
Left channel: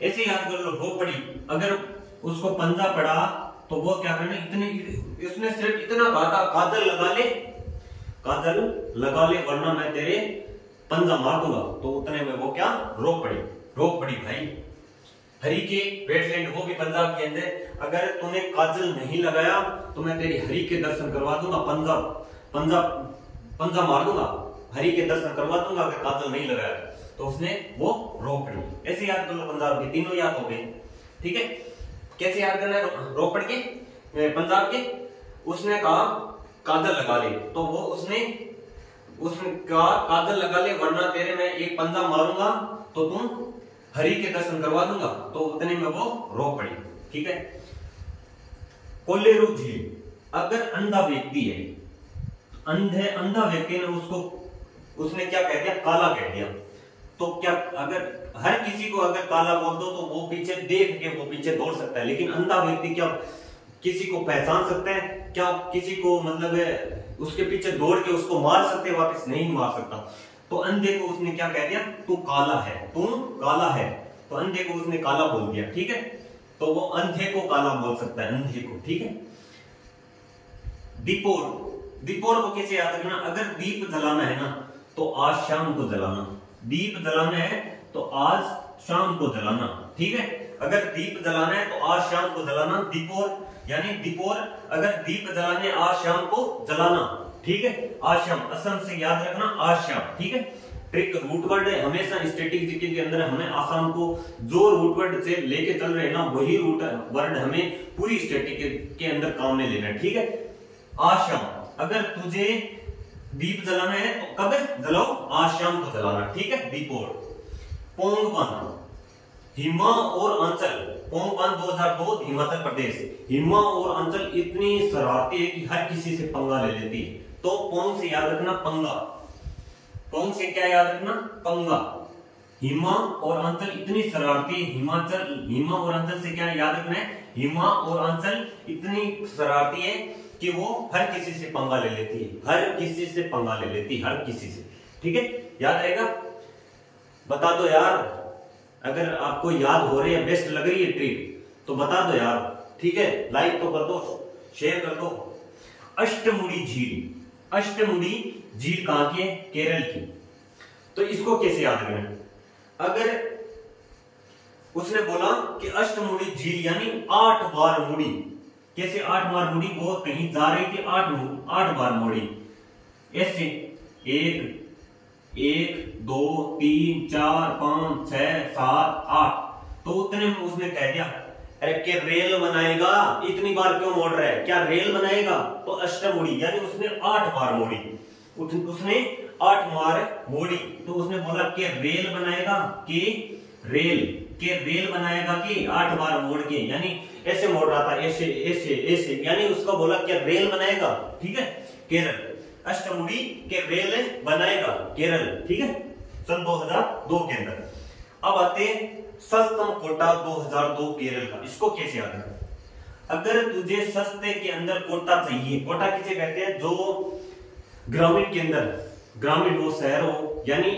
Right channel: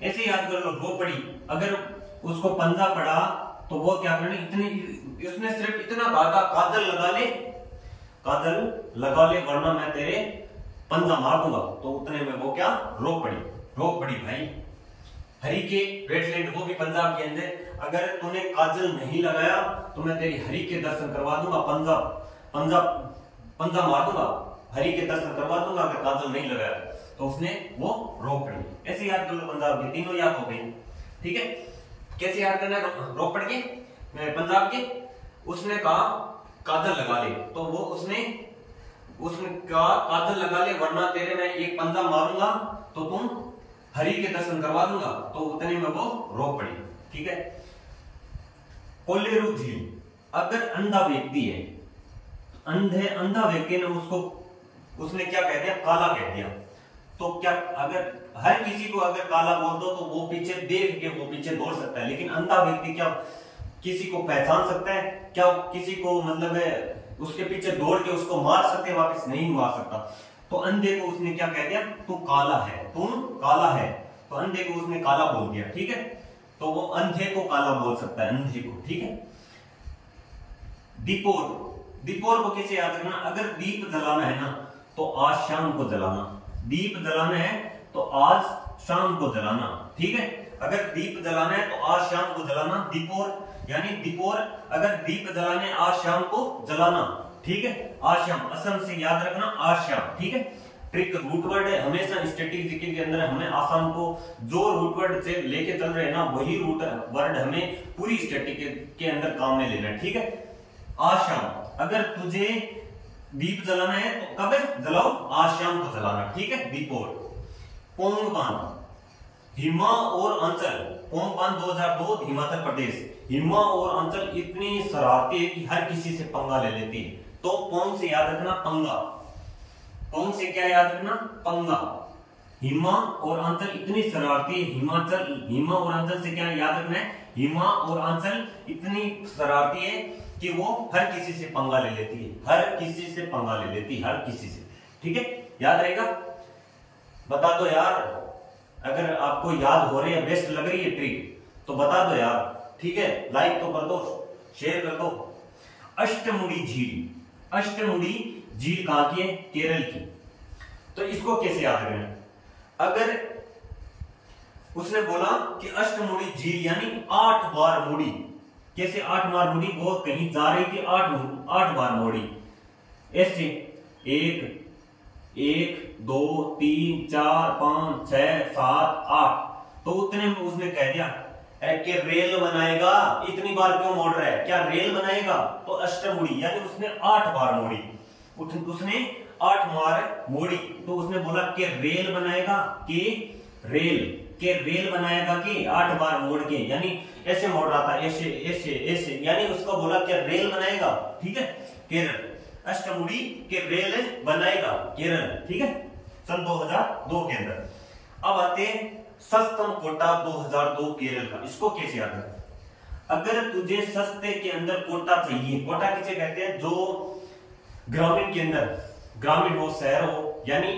ऐसे याद कर लो, रोपड़ी, अगर उसको पंजा पड़ा तो वो क्या करना, इतने इसने सिर्फ इतना कहा था काजल लगा ले वरना मैं तेरे पंजा मार दूंगा। तो उतने में वो क्या रो पड़ी भाई। हरि के वेटलैंड, वो भी पंजाब के अंदर, अगर तूने काजल नहीं लगाया तो मैं तेरी हरि के दर्शन करवा दूंगा, पंजा मार दूंगा, हरि के दर्शन करवा दूंगा अगर काजल नहीं लगाया। तो उसने वो रो पड़ी। ऐसे याद कर लो, पंजाब के तीनों याद हो गए। ठीक है, कैसे याद करना है, रो पड़ के पंजाब के। उसने कहा काजल लगा ले, तो वो उसने कहा काजल लगा ले वरना तेरे मैं एक पंजा मारूंगा तो तुम हरि के दर्शन करवा दूंगा। तो उतने में वो रो पड़ी। ठीक है, कोलेरू झील, अगर अंधा व्यक्ति है, अंधा व्यक्ति ने उसने क्या कह दिया, काला कह दिया। तो क्या अगर हर किसी को अगर काला बोल दो तो वो पीछे देख के वो पीछे दौड़ सकता है, लेकिन अंधा व्यक्ति क्या किसी को पहचान सकता है, क्या किसी को मतलब उसके पीछे दौड़ के उसको मार सकते हैं, वापस नहीं मार सकता। तो अंधे को उसने क्या कह दिया, तू काला है। तो अंधे को उसने काला बोल दिया। ठीक है, तो वो अंधे को काला बोल सकता है, अंधे को। ठीक है, दीपोर को कैसे याद रखना, अगर दीप जलाना है ना तो आज शाम को जलाना, दीप जलाना है तो आज शाम को जलाना। ठीक है, अगर दीप जलाना है तो आज शाम को जलाना। दीपोर अगर दीप जलाने आज शाम को जलाना। ठीक है, आज शाम, असम से याद रखना आज शाम। ठीक है, ट्रिक रूट वर्ड है, हमेशा स्टैटिक जीके के अंदर हमें आसाम को जो रूट वर्ड से लेके चल रहे हैं ना वही रूट वर्ड हमें पूरी स्टैटिक के अंदर काम में लेना है। ठीक है, आज शाम, अगर तुझे दीप जलाना है तो कब जलाओ, आज शाम को जलाना। ठीक है, दीपोर। पोंग बांध, हिमा और अंचल, पोंग बांध 2002 हिमाचल प्रदेश। हिमा और अंचल इतनी शरारती है कि हर किसी से पंगा ले लेती है। तो पोंग से याद रखना पंगा, पोंग से क्या याद रखना, पंगा। हिमा और अंचल इतनी शरारती है, हिमा और अंचल से क्या याद रखना है, हिमा और अंचल इतनी शरारती है कि वो हर किसी से पंगा ले लेती है, हर किसी से। ठीक है, याद रहेगा, बता दो यार, अगर आपको याद हो रही है, बेस्ट लग रही है ट्रिक तो बता दो यार। ठीक है, लाइक तो कर दो, शेयर कर दो। अष्टमुड़ी झील कहां की है, केरल की। तो इसको कैसे याद करें, अगर उसने बोला कि अष्टमुड़ी झील यानी 8 बार मुड़ी, कैसे 8 बार मुड़ी, वो कहीं जा रही थी, 8 बार मुड़ी, ऐसे 1 2 3 4 5 6 7 8। तो उतने में उसने कह दिया अरे कि रेल बनाएगा, इतनी बार क्यों मोड़ रहा है, क्या रेल बनाएगा। तो अष्टमुड़ी यानी उसने 8 बार मोड़ी, उसने 8 बार मोड़ी। तो उसने बोला कि रेल बनाएगा, कि रेल बनाएगा कि 8 बार मोड़ के, यानी ऐसे मोड़ रहा था, ऐसे, यानी उसको बोला कि रेल बनाएगा। ठीक है, केरल, अष्टमुड़ी के रेल बनाएगा केरल। ठीक है, सन 2002 के अंदर। अब आते हैं सस्तम कोटा 2002 केरल का, इसको कैसे याद रखें, अगर तुझे सस्ते के अंदर कोटा चाहिए, कोटा किसे कहते हैं, जो ग्रामीण के अंदर, ग्रामीण हो शहर हो, यानी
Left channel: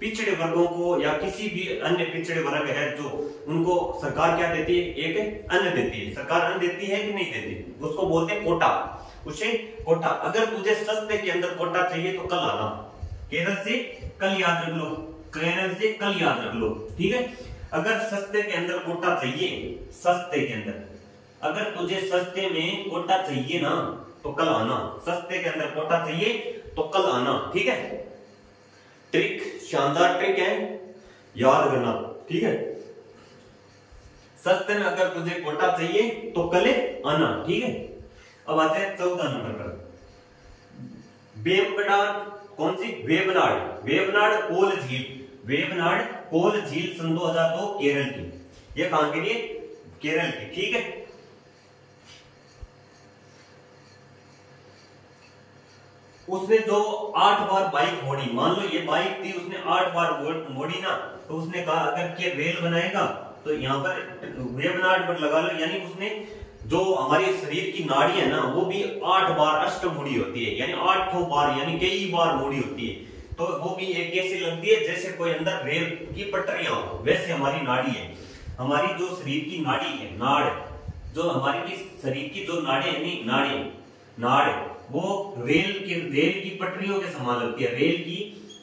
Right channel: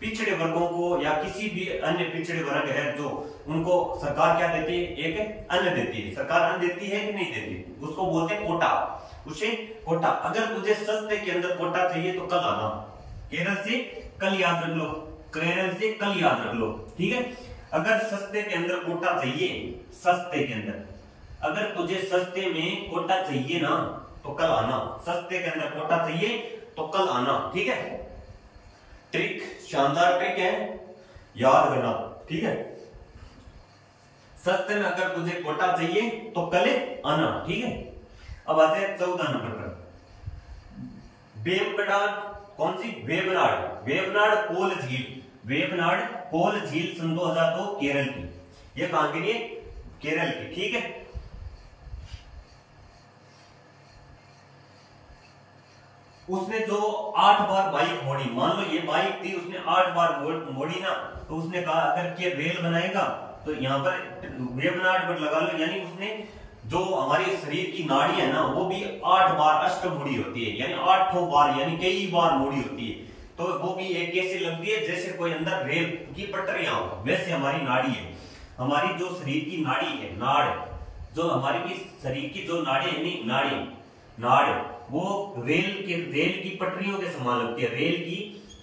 पिछड़े वर्गों को या किसी भी अन्य पिछड़े वर्ग है जो, उनको सरकार क्या देती है, एक अन्न देती है। सरकार अन्न देती है कि नहीं देती, उसको बोलते हैं कोटा, उसे कोटा। अगर तुझे सस्ते के अंदर कोटा चाहिए तो कल आना, केरल से कल याद रख लो, केरल से कल याद रख लो। ठीक है, अगर सस्ते के अंदर कोटा चाहिए, सस्ते के अंदर अगर तुझे सस्ते में कोटा चाहिए ना तो कल आना, सस्ते के अंदर कोटा चाहिए तो कल आना। ठीक है, ट्रिक, शानदार ट्रिक है, याद करना। ठीक है, सस्ते में अगर तुझे कोटा चाहिए तो कल आना। ठीक है, अब आते हैं 14 नंबर पर, वेबनाड, कौन सी, वेबनाड कोल झील, वेबनाड कोल झील सन 2002 केरल की, ये कहां के लिए, केरल की। ठीक है, उसने जो 8 बार बाइक मोड़ी, मान लो ये बाइक थी, उसने 8 बार मोड़ी ना, तो उसने कहा अगर के रेल बनाएगा तो यहाँ पर वेबनाड पर लगा लो, यानी उसने जो हमारे शरीर की नाड़ी है ना वो भी 8 बार अष्टमुड़ी होती है, यानी 8 बार, यानी कई बार मोड़ी होती है। तो वो भी एक कैसी लगती है, जैसे कोई अंदर रेल की पटरियां हो, वैसे हमारी नाड़ी है, हमारी जो शरीर की नाड़ी है, नाड़, जो हमारी की शरीर की जो नाड़ी है नहीं, नाड़ी वो रेल की पटरियों के समान लगती है, रेल की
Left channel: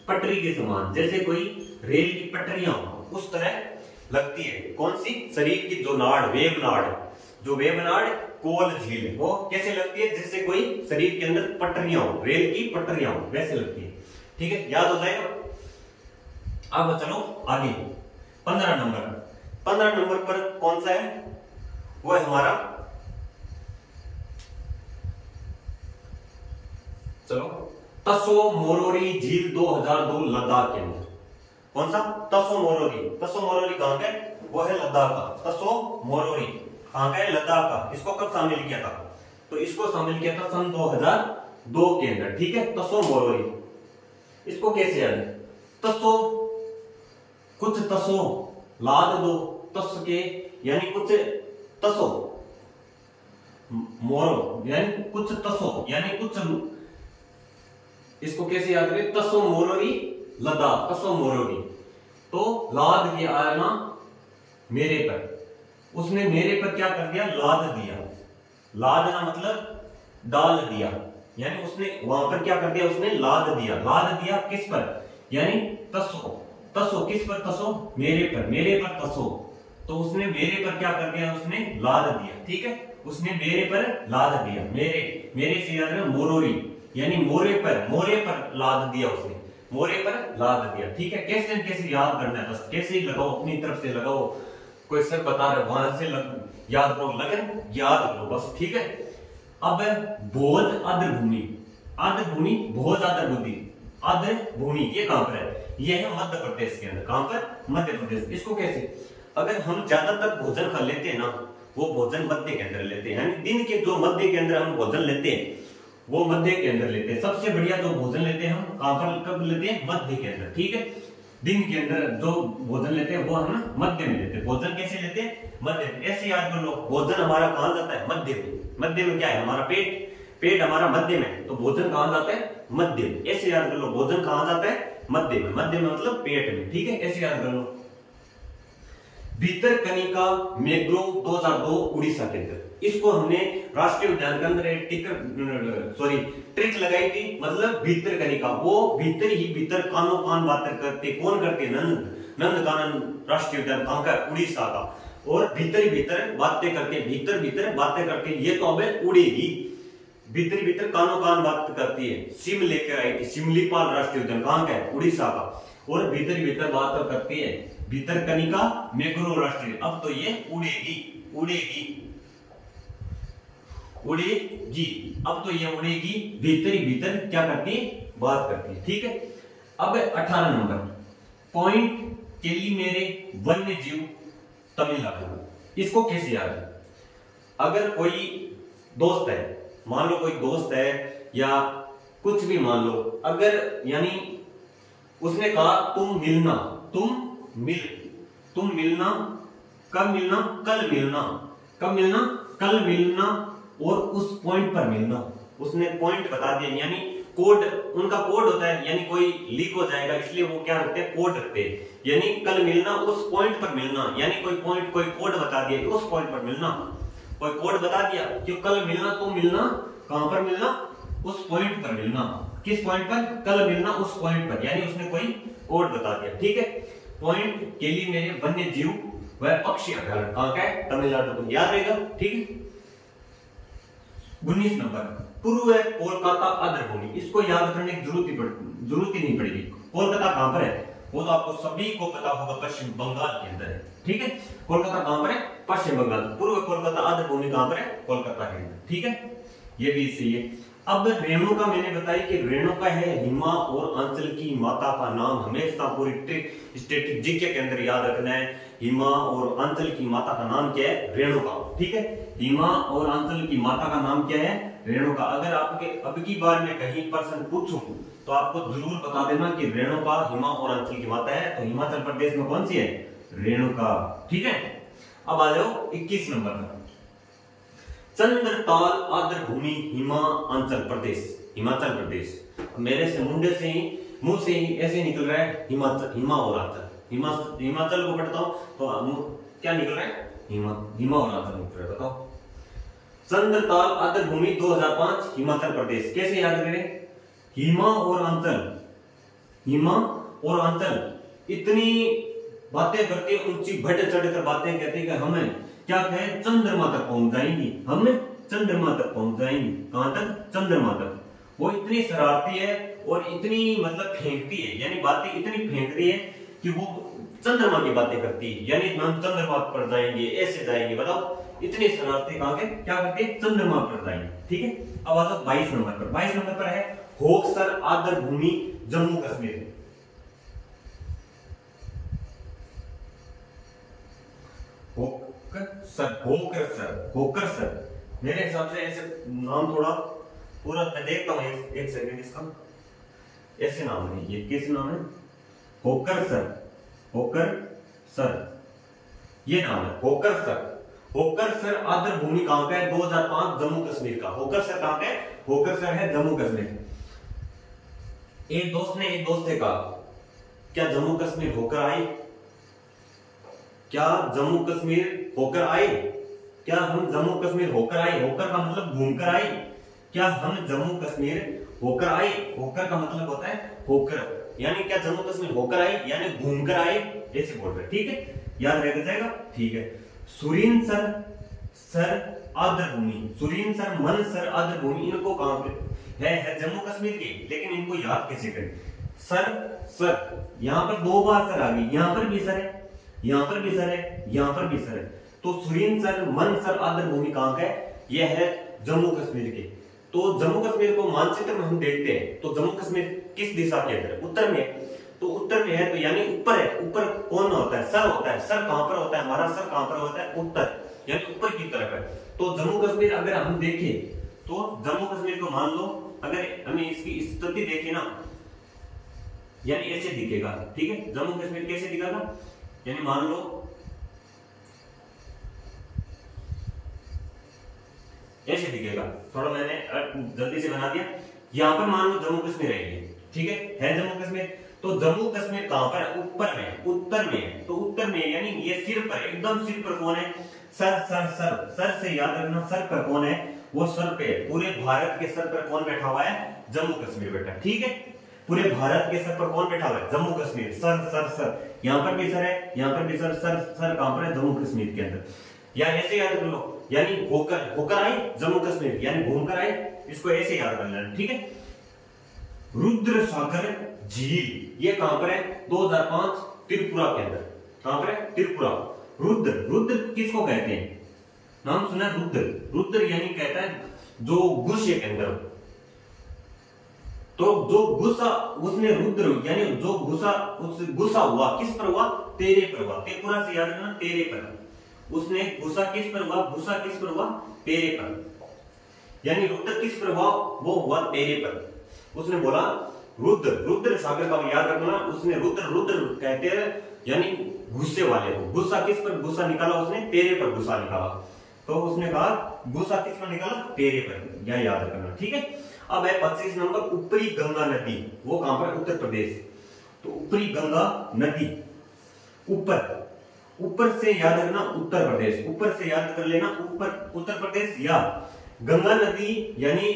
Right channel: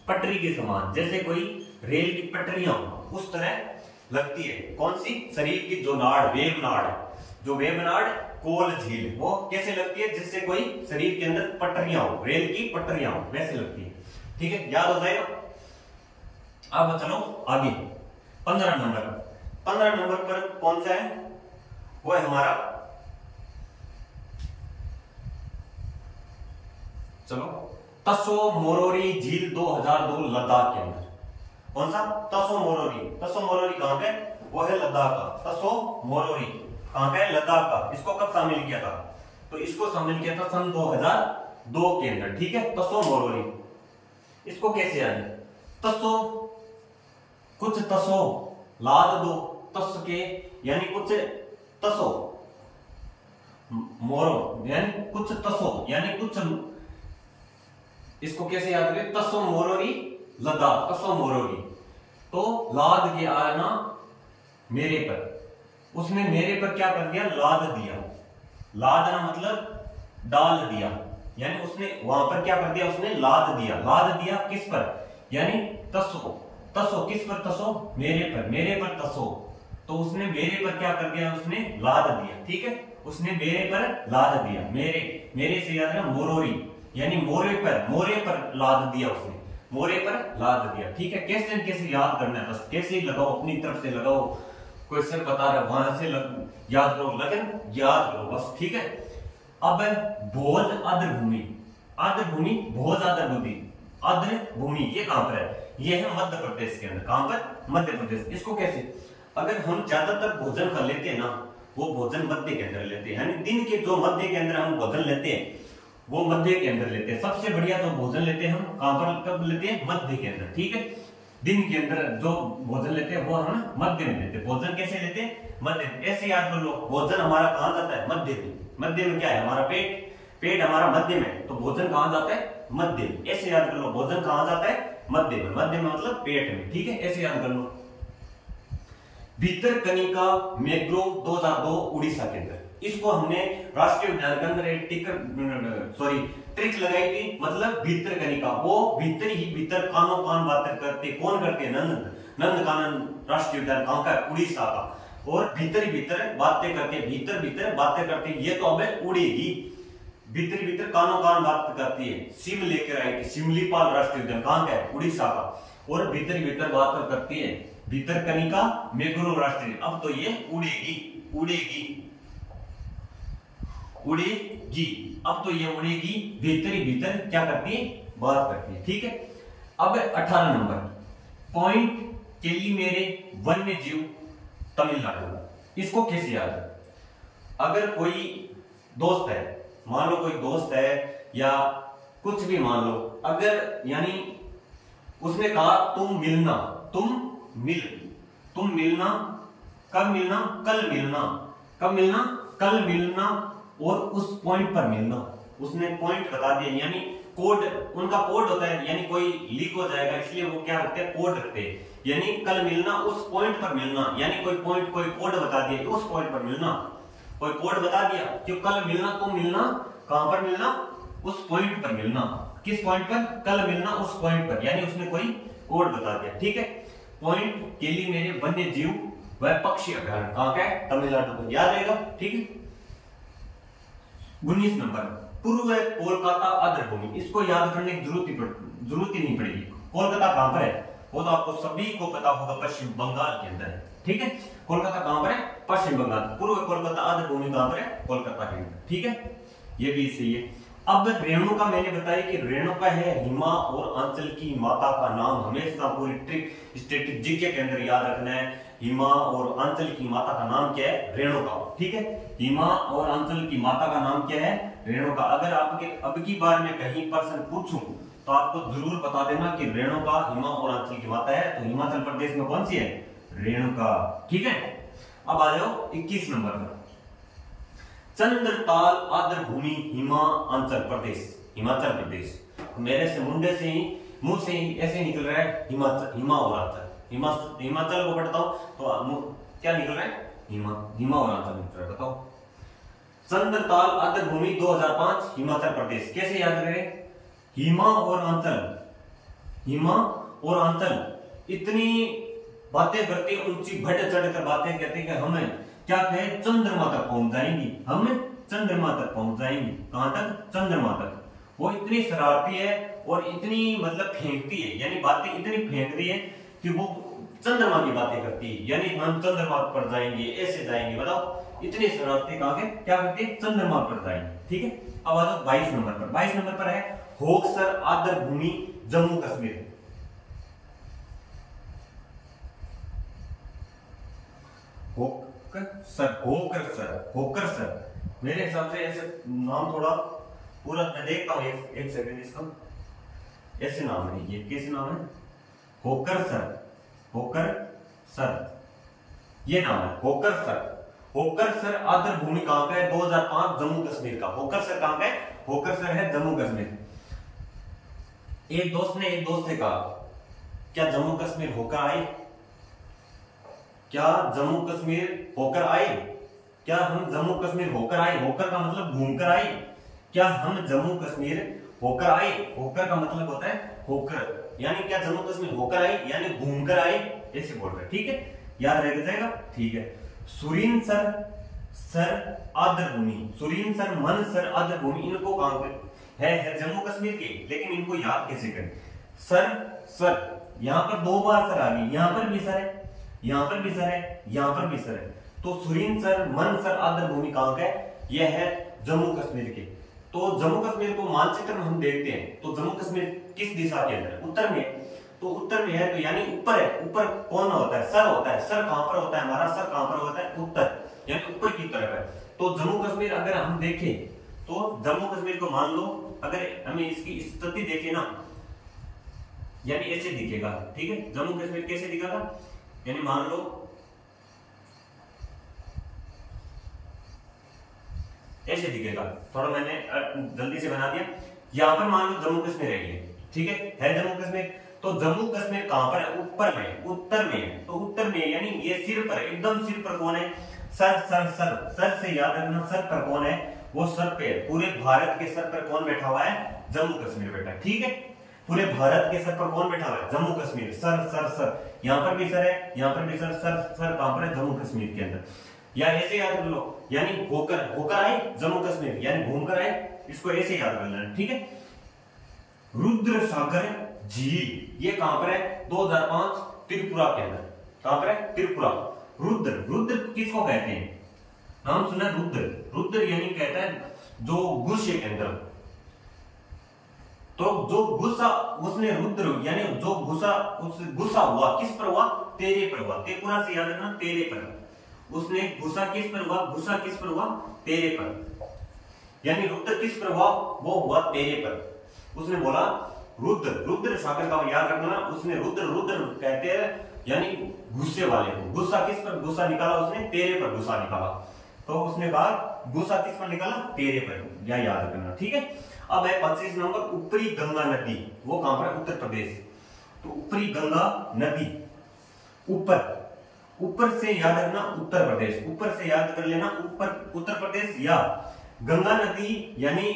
पटरी के समान, जैसे कोई रेल की पटरियां उस तरह लगती है। कौन सी? शरीर की जो नाड़, वेब नाड़ कोल झील, वो कैसे लगती है? जैसे कोई शरीर के अंदर पटरियां हो, रेल की पटरियां हो, वैसे लगती है। ठीक है, याद हो जाएगा। अब चलो आगे 15 नंबर पर कौन सा है? वो है हमारा, चलो, तसो मोरोरी झील 2002 लद्दाख के अंदर। कौन सा? तसो मोरोरी कहां का है? वो है लद्दाख का। तसो मोरोरी कहां का है? लद्दाख का। इसको कब शामिल किया था? तो इसको शामिल किया था सन 2002 के अंदर। ठीक है, तसो मोरोरी। इसको कैसे याद है? तसो, कुछ तसो लाद दो, तस के यानी कुछ तसो, मोरो यानी कुछ तसो यानी कुछ, इसको कैसे याद करें? तसो मोरोरी लद्दाख, तसो मोरोरी। तो लाद के आना मेरे पर, उसने मेरे पर क्या कर दिया? लाद दिया। लादना मतलब डाल दिया, यानी उसने वहां पर क्या कर दिया? उसने लाद दिया किस पर? यानी तसो किस पर? तसो मेरे पर तसो। तो उसने मेरे पर क्या कर दिया? उसने लाद दिया। ठीक है, उसने मेरे पर लाद दिया। मेरे से याद रखना मोरोरी, यानी मोरे पर लाद दिया उसने, मोरे पर लाद दिया। ठीक है, कैसे याद करना है, बस कैसे लगाओ, अपनी तरफ से लगाओ, कोई सर बता रहा वहां से याद करो, लगन याद करो बस। ठीक है, अब भोज आर्द्र भूमि, भोज आर्द्र भूमि ये कहां पर है? ये है मध्य प्रदेश के अंदर। कहां पर? मध्य प्रदेश। इसको कैसे? अगर हम ज्यादातर भोजन खा लेते हैं ना, वो भोजन मध्य के अंदर लेते हैं, यानी दिन के जो मध्य के अंदर हम भोजन लेते हैं वो मध्य के अंदर लेते हैं। सबसे बढ़िया जो भोजन लेते हैं हम कहां पर, कब लेते हैं? मध्य के अंदर। ठीक है, दिन के अंदर जो भोजन लेते हैं वो हम मध्य में लेते हैं। भोजन कैसे लेते हैं? मध्य में। ऐसे याद कर लो, भोजन हमारा कहां जाता है? मध्य में। मध्य में क्या है? हमारा पेट हमारा मध्य में, तो भोजन कहां जाता है? मध्य में। ऐसे याद कर लो, भोजन कहां जाता है? मध्य में। मध्य में मतलब पेट में। ठीक है, ऐसे याद कर लो। भितरकनिका मैंग्रोव 2002 उड़ीसा के अंदर, इसको हमने राष्ट्रीय उद्यान के अंदर ट्रिक लगाई थी। मतलब भितरकनिका, वो भीतर कानो कान बातें करते, कौन करते? नंदकानन राष्ट्रीय उद्यान कहां का? उड़ीसा का। और भीतर बातें करते, ये तो अब उड़ेगी। भीतर कानो कान बात करती है, सिम लेकर आई थी, सिमलीपाल राष्ट्रीय उद्यान कहां का है? उड़ीसा का। और भीतर बात करती है भितरकनिका मैंग्रोव राष्ट्रीय, अब तो ये उड़ेगी, अब तो ये उड़ेगी। भीतर क्या करती है? बात करती है। ठीक है, अब 18 नंबर, पॉइंट केलीमेरे वन्य जीव तमिलनाडु। इसको कैसे याद है? अगर कोई दोस्त है, मान लो कोई दोस्त है या कुछ भी मान लो, अगर यानी उसने कहा तुम मिलना, कब मिलना? कल मिलना और उस पॉइंट पर मिलना। उसने पॉइंट बता दिया, यानी कोड, उनका कोड होता है, यानी कोई लीक हो जाएगा इसलिए वो क्या रखते हैं? कोड रखते हैं। यानी कल मिलना, उस पॉइंट पर मिलना, यानी कोई कोड बता दिया, उस पॉइंट पर मिलना। कोई कोड बता दिया कि कल मिलना, तुम मिलना, कहां पर मिलना? उस पॉइंट पर मिलना। किस पॉइंट पर? कल मिलना उस पॉइंट पर, यानी उसने कोई कोड बता दिया। ठीक है, पॉइंट केलीमेरे वन्य जीव व पक्षी अभयारण्य कहां का है? तमिलनाडु को, याद रहेगा। ठीक है, 19 नंबर, पूर्व कोलकाता आर्द्र भूमि। इसको याद करने की जरूरत ही नहीं पड़ेगी। कोलकाता कहां पर है? वो तो आपको सभी को पता होगा, पश्चिम बंगाल के अंदर है। ठीक है, कोलकाता कहां पर है? पश्चिम बंगाल। पूर्व कोलकाता आर्द्र भूमि कहां पर है? कोलकाता के अंदर। ठीक है, ये भी सही है। अब रेणुका मैंने बताया कि रेणुका है हिमा और आंचल की माता का नाम। हमेशा पूरी ट्रिक स्टैटिक जीके के अंदर याद रखना है, हिमा और आंचल की माता का नाम क्या है? रेणुका। ठीक है, हिमा और आंचल की माता का नाम क्या है? रेणुका। अगर आपके अब की बार में कहीं प्रश्न पूछूं तो आपको जरूर बता देना कि रेणुका हिमा और आंचल की माता है। तो हिमाचल प्रदेश में कौन सी है? रेणुका। ठीक है, अब आ जाओ 21 नंबर पर, चंद्रताल आर्द्र भूमि हिमाचल प्रदेश। मेरे से मुंडे से ही, मुंह से ही ऐसे निकल रहा है हिमा और आंचल। हिमाचल को पढ़ता हूं तो क्या निकल रहा है? हिमा और आंचल निकल रहा है। बताओ चंद्रताल आर्द्रभूमि 2005 हिमाचल प्रदेश। कैसे याद करें? हिमा और आंचल इतनी बातें करते, ऊंची बढ़ चढ़कर बातें कहते कि हमें क्या कहें, चंद्रमा तक पहुंच जाएंगी, हम चंद्रमा तक पहुंच जाएंगी। कहां तक? चंद्रमा तक। वो इतनी शरारती है और इतनी मतलब फेंकती है, यानी बातें इतनी फेंकती है कि वो चंद्रमा की बातें करती है, यानी हम चंद्रमा पर जाएंगे, ऐसे जाएंगे। बताओ इतनी शरारती कहां के क्या करती है? चंद्रमा पर जाएंगे। ठीक है, अब आ जाओ 22 नंबर पर। 22 नंबर पर है होक्सर आर्द्रभूमि जम्मू कश्मीर। होकरसर मेरे हिसाब से ऐसे नाम थोड़ा पूरा मैं देखता हूँ, एक सेकंड, इसका ऐसे नाम है, ये कैसे नाम है? होकरसर ये नाम है, होकरसर आर्द्रभूमि कहां का है? 2005 जम्मू कश्मीर का। होकरसर कहां का है? होकरसर है जम्मू कश्मीर। एक दोस्त ने एक दोस्त से कहा, क्या जम्मू कश्मीर होकर आए? क्या जम्मू कश्मीर होकर आए? क्या हम जम्मू कश्मीर होकर आए? होकर का मतलब घूमकर आए। क्या हम जम्मू कश्मीर होकर आए? होकर का मतलब होता है होकर, यानी क्या जम्मू कश्मीर होकर आए यानी घूमकर आए, ऐसे बोल रहे। ठीक है, याद रह जाएगा। ठीक है, सुरिनसर आर्द्रभूमि, सुरिनसर मनसर आर्द्रभूमि, इनको कहां पे है जम्मू कश्मीर के, लेकिन इनको याद कैसे करें? सर यहां पर दो बार सर आ गई, यहां पर भी सर है, यहां पर भी सर है, यहां पर भी सर है। तो सुरिनसर मनसर आर्द्रभूमि कहां का है? यह है जम्मू कश्मीर के। तो जम्मू कश्मीर को मानचित्र में हम देखते हैं तो जम्मू कश्मीर किस दिशा के अंदर? उत्तर में। तो उत्तर में है तो यानी ऊपर है। ऊपर कौन होता है? सर होता है। सर कहां पर होता है? हमारा सर कहां पर होता है? उत्तर, यानी ऊपर की तरफ है। तो जम्मू कश्मीर अगर हम देखें तो जम्मू कश्मीर को मान लो, अगर हमें इसकी स्थिति देखी ना, यानी ऐसे दिखेगा। ठीक है, जम्मू कश्मीर कैसे दिखेगा? यानी मान लो ऐसे दिखेगा, थोड़ा मैंने जल्दी से बना दिया। यहां पर मान लो जम्मू कश्मीर है ये। ठीक है जम्मू कश्मीर। तो जम्मू कश्मीर कहां पर है? ऊपर में, उत्तर में है। तो उत्तर में यानी ये सिर पर, एकदम सिर पर कौन है? सर से याद रखना, सर पर कौन है? वो सर पे, पूरे भारत के सर पर कौन बैठा हुआ है? जम्मू कश्मीर बैठा। ठीक है, पूरे भारत के सर पर कौन बैठा हुआ है? जम्मू कश्मीर। सर यहां पर भी सर है, यहां पर भी सर कहां पर है? जम्मू कश्मीर के अंदर। या ऐसे याद कर लो, यानी होकर आए जम्मू कश्मीर, यानी घूमकर आए, इसको ऐसे याद कर लेना। ठीक है, रुद्र सागर झील ये कहां पर है? 2005 त्रिपुरा के अंदर। कहां पर है? त्रिपुरा। रुद्र किसको कहते हैं? नाम सुना रुद्र यानी कहता है जो गुस्से के अंदर। तो जो गुस्सा उसने रुद्र यानी जो गुस्सा हुआ किस पर हुआ? तेरे पर हुआ। त्रिपुरा से याद रखना, तेरे पर। उसने गुस्सा किस पर हुआ? गुस्सा किस पर हुआ? तेरे पर। यानी रुद्र किस पर हुआ? वो हुआ तेरे पर। उसने बोला रुद्र सागर का याद रखना, उसने रुद्र कहते हैं यानी गुस्से वाले को। गुस्सा किस पर गुस्सा निकाला? उसने तेरे पर गुस्सा निकाला। तो उसने कहा गुस्सा किस पर निकाला? तेरे पर। यह याद रखना। ठीक है, अब है 25 नंबर, ऊपरी गंगा नदी। वो कहां पर? उत्तर प्रदेश। तो ऊपरी गंगा नदी, ऊपर से याद रखना उत्तर प्रदेश, ऊपर से याद कर लेना ऊपर उत्तर प्रदेश। या गंगा नदी यानी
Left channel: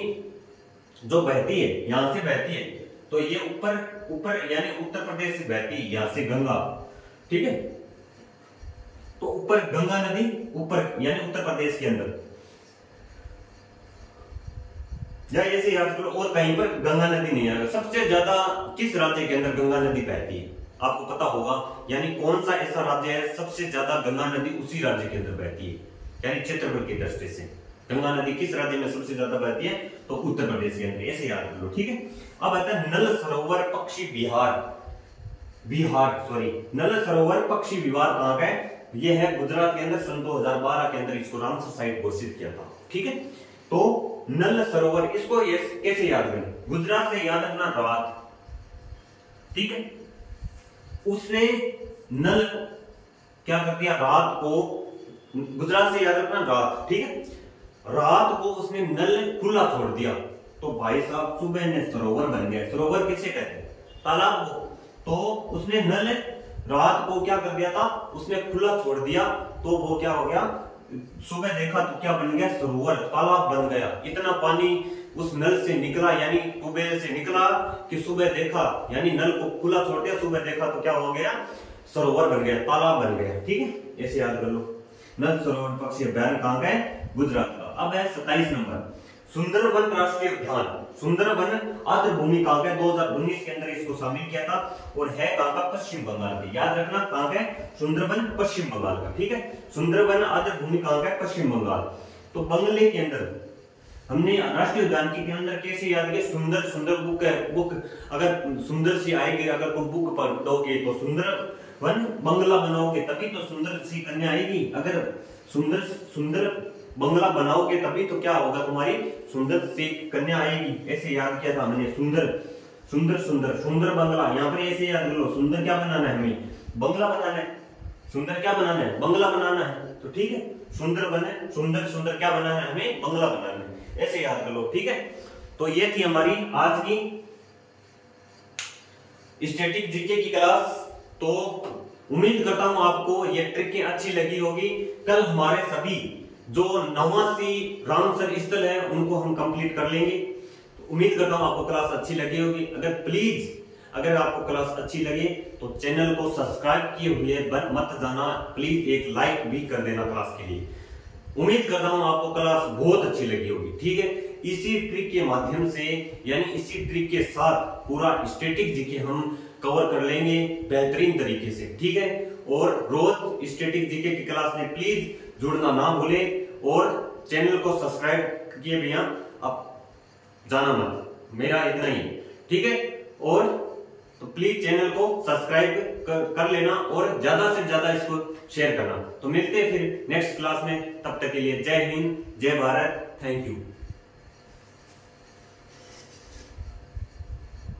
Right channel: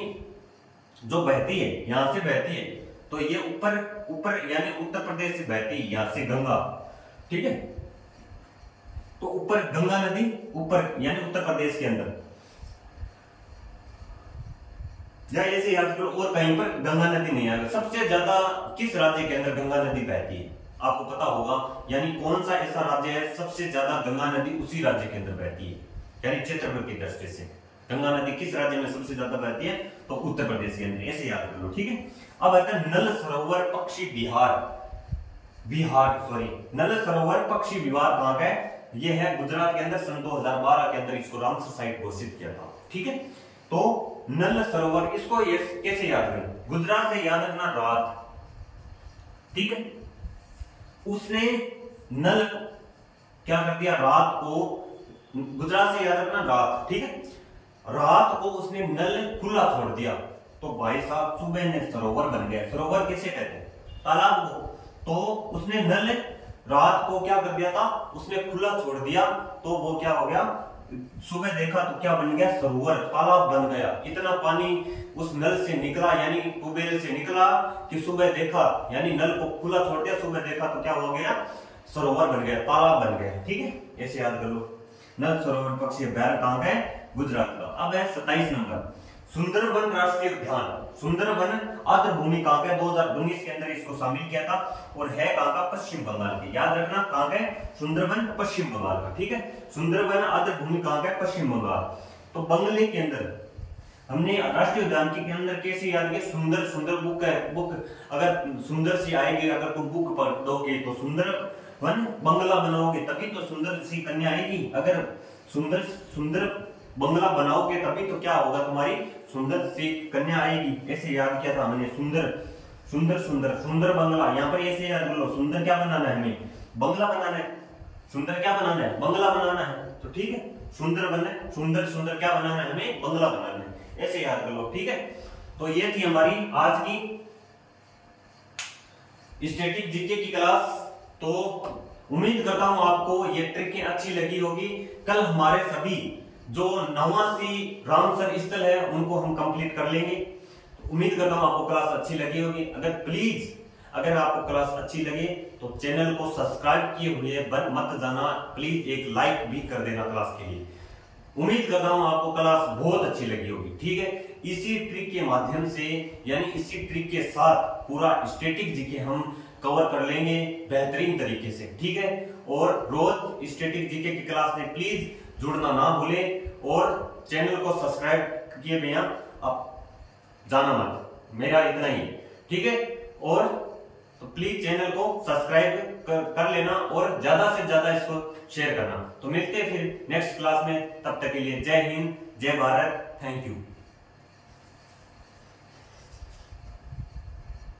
जो बहती है, यहां से बहती है, तो ये ऊपर यानी उत्तर प्रदेश से बहती है, यहां से गंगा। ठीक है, तो ऊपर गंगा नदी, ऊपर यानी उत्तर प्रदेश के अंदर, या ऐसे याद करो। और कहीं पर गंगा नदी नहीं आएगा। सबसे ज्यादा किस राज्य के अंदर गंगा नदी बहती है? आपको पता होगा, यानी कौन सा ऐसा राज्य है सबसे ज्यादा गंगा नदी उसी राज्य के अंदर बहती है, यानी क्षेत्रफल की दृष्टि से गंगा नदी किस राज्य में सबसे ज्यादा बहती है? तो उत्तर प्रदेश के अंदर। ऐसे याद कर लो। ठीक है, अब आता है नल सरोवर पक्षी विहार नल सरोवर पक्षी विहार कहां का है? यह है गुजरात के अंदर। सन 2012 के अंदर इसको रामसर साइट घोषित किया था। ठीक है, तो नल सरोवर, इसको कैसे याद करें? गुजरात से याद रखना रात। ठीक है, उसने नल क्या कर दिया? रात को, गुजरात से याद रखना रात। ठीक है, रात को उसने नल खुला छोड़ दिया, तो भाई साहब सुबह ने सरोवर बन गया। सरोवर किसे कहते हैं? तालाब को। तो उसने नल रात को क्या कर दिया था? उसने खुला छोड़ दिया, तो वो क्या हो गया? सुबह देखा तो क्या बन गया, सरोवर, तालाब बन गया। इतना पानी उस नल से निकला, यानी ट्यूबवेल से निकला कि सुबह देखा, यानी नल को खुला छोड़ दिया, सुबह देखा तो क्या हो गया, सरोवर बन गया, तालाब बन गया। ठीक है, ऐसे याद कर लो। नल सरोवर पक्षी अभ्यारण्य कहाँ का है, गुजरात का। अब है 27 नंबर, सुंदरबन राष्ट्रीय उद्यान। सुंदरबन आर्द्रभूमि कहाँ का, 2019 के अंदर इसको शामिल किया था, और है कहाँ का, पश्चिम बंगाल की। याद रखना कहाँ का है, सुंदरबन पश्चिम बंगाल का। ठीक है, सुंदरबन आर्द्रभूमि कहाँ का है, पश्चिम बंगाल। तो बंगले के अंदर हमने राष्ट्रीय उद्यान के अंदर कैसे याद किया, सुंदर सुंदर बुक है, बुक अगर सुंदर सी आएगी, अगर कोई बुक पढ़ोगे तो सुंदर वन बंगला बनाओगे तभी तो सुंदर सी कन्या आएगी। अगर सुंदर सुंदर बंगला बनाओगे तभी तो क्या होगा, तुम्हारी सुंदर सी कन्या आएगी। ऐसे याद किया था हमने, सुंदर सुंदर सुंदर सुंदर बंगला। यहाँ पर ऐसे याद कर लो, सुंदर क्या बनाना है हमें, बंगला बनाना है। सुंदर क्या बनाना है, बंगला बनाना है। तो ठीक है, सुंदर बने, सुंदर सुंदर क्या बनाना है हमें, बंगला बनाना है। ऐसे याद कर लो। ठीक है, तो ये थी हमारी आज की स्टैटिक जीके की क्लास। तो उम्मीद करता हूं आपको ये ट्रिक अच्छी लगी होगी। कल हमारे सभी जो 89 रामसर स्थल है उनको हम कंप्लीट कर लेंगे। तो उम्मीद करता हूं आपको क्लास अच्छी लगी होगी। अगर आपको क्लास अच्छी लगे तो चैनल को सब्सक्राइब किए हुए मत जाना, प्लीज एक लाइक भी कर देना क्लास के लिए। उम्मीद कर रहा हूं आपको क्लास बहुत अच्छी लगी होगी। ठीक है, इसी ट्रिक के माध्यम से, यानी इसी ट्रिक के साथ पूरा स्टैटिक जीके हम कवर कर लेंगे बेहतरीन तरीके से। ठीक है, और रोज स्टैटिक जीके की क्लास में प्लीज जुड़ना ना भूले, और चैनल को सब्सक्राइब किए बिना अब जाना मत, मेरा इतना ही। ठीक है, और तो प्लीज चैनल को सब्सक्राइब कर लेना और ज्यादा से ज्यादा इसको शेयर करना। तो मिलते हैं फिर नेक्स्ट क्लास में, तब तक के लिए जय हिंद, जय भारत, थैंक यू।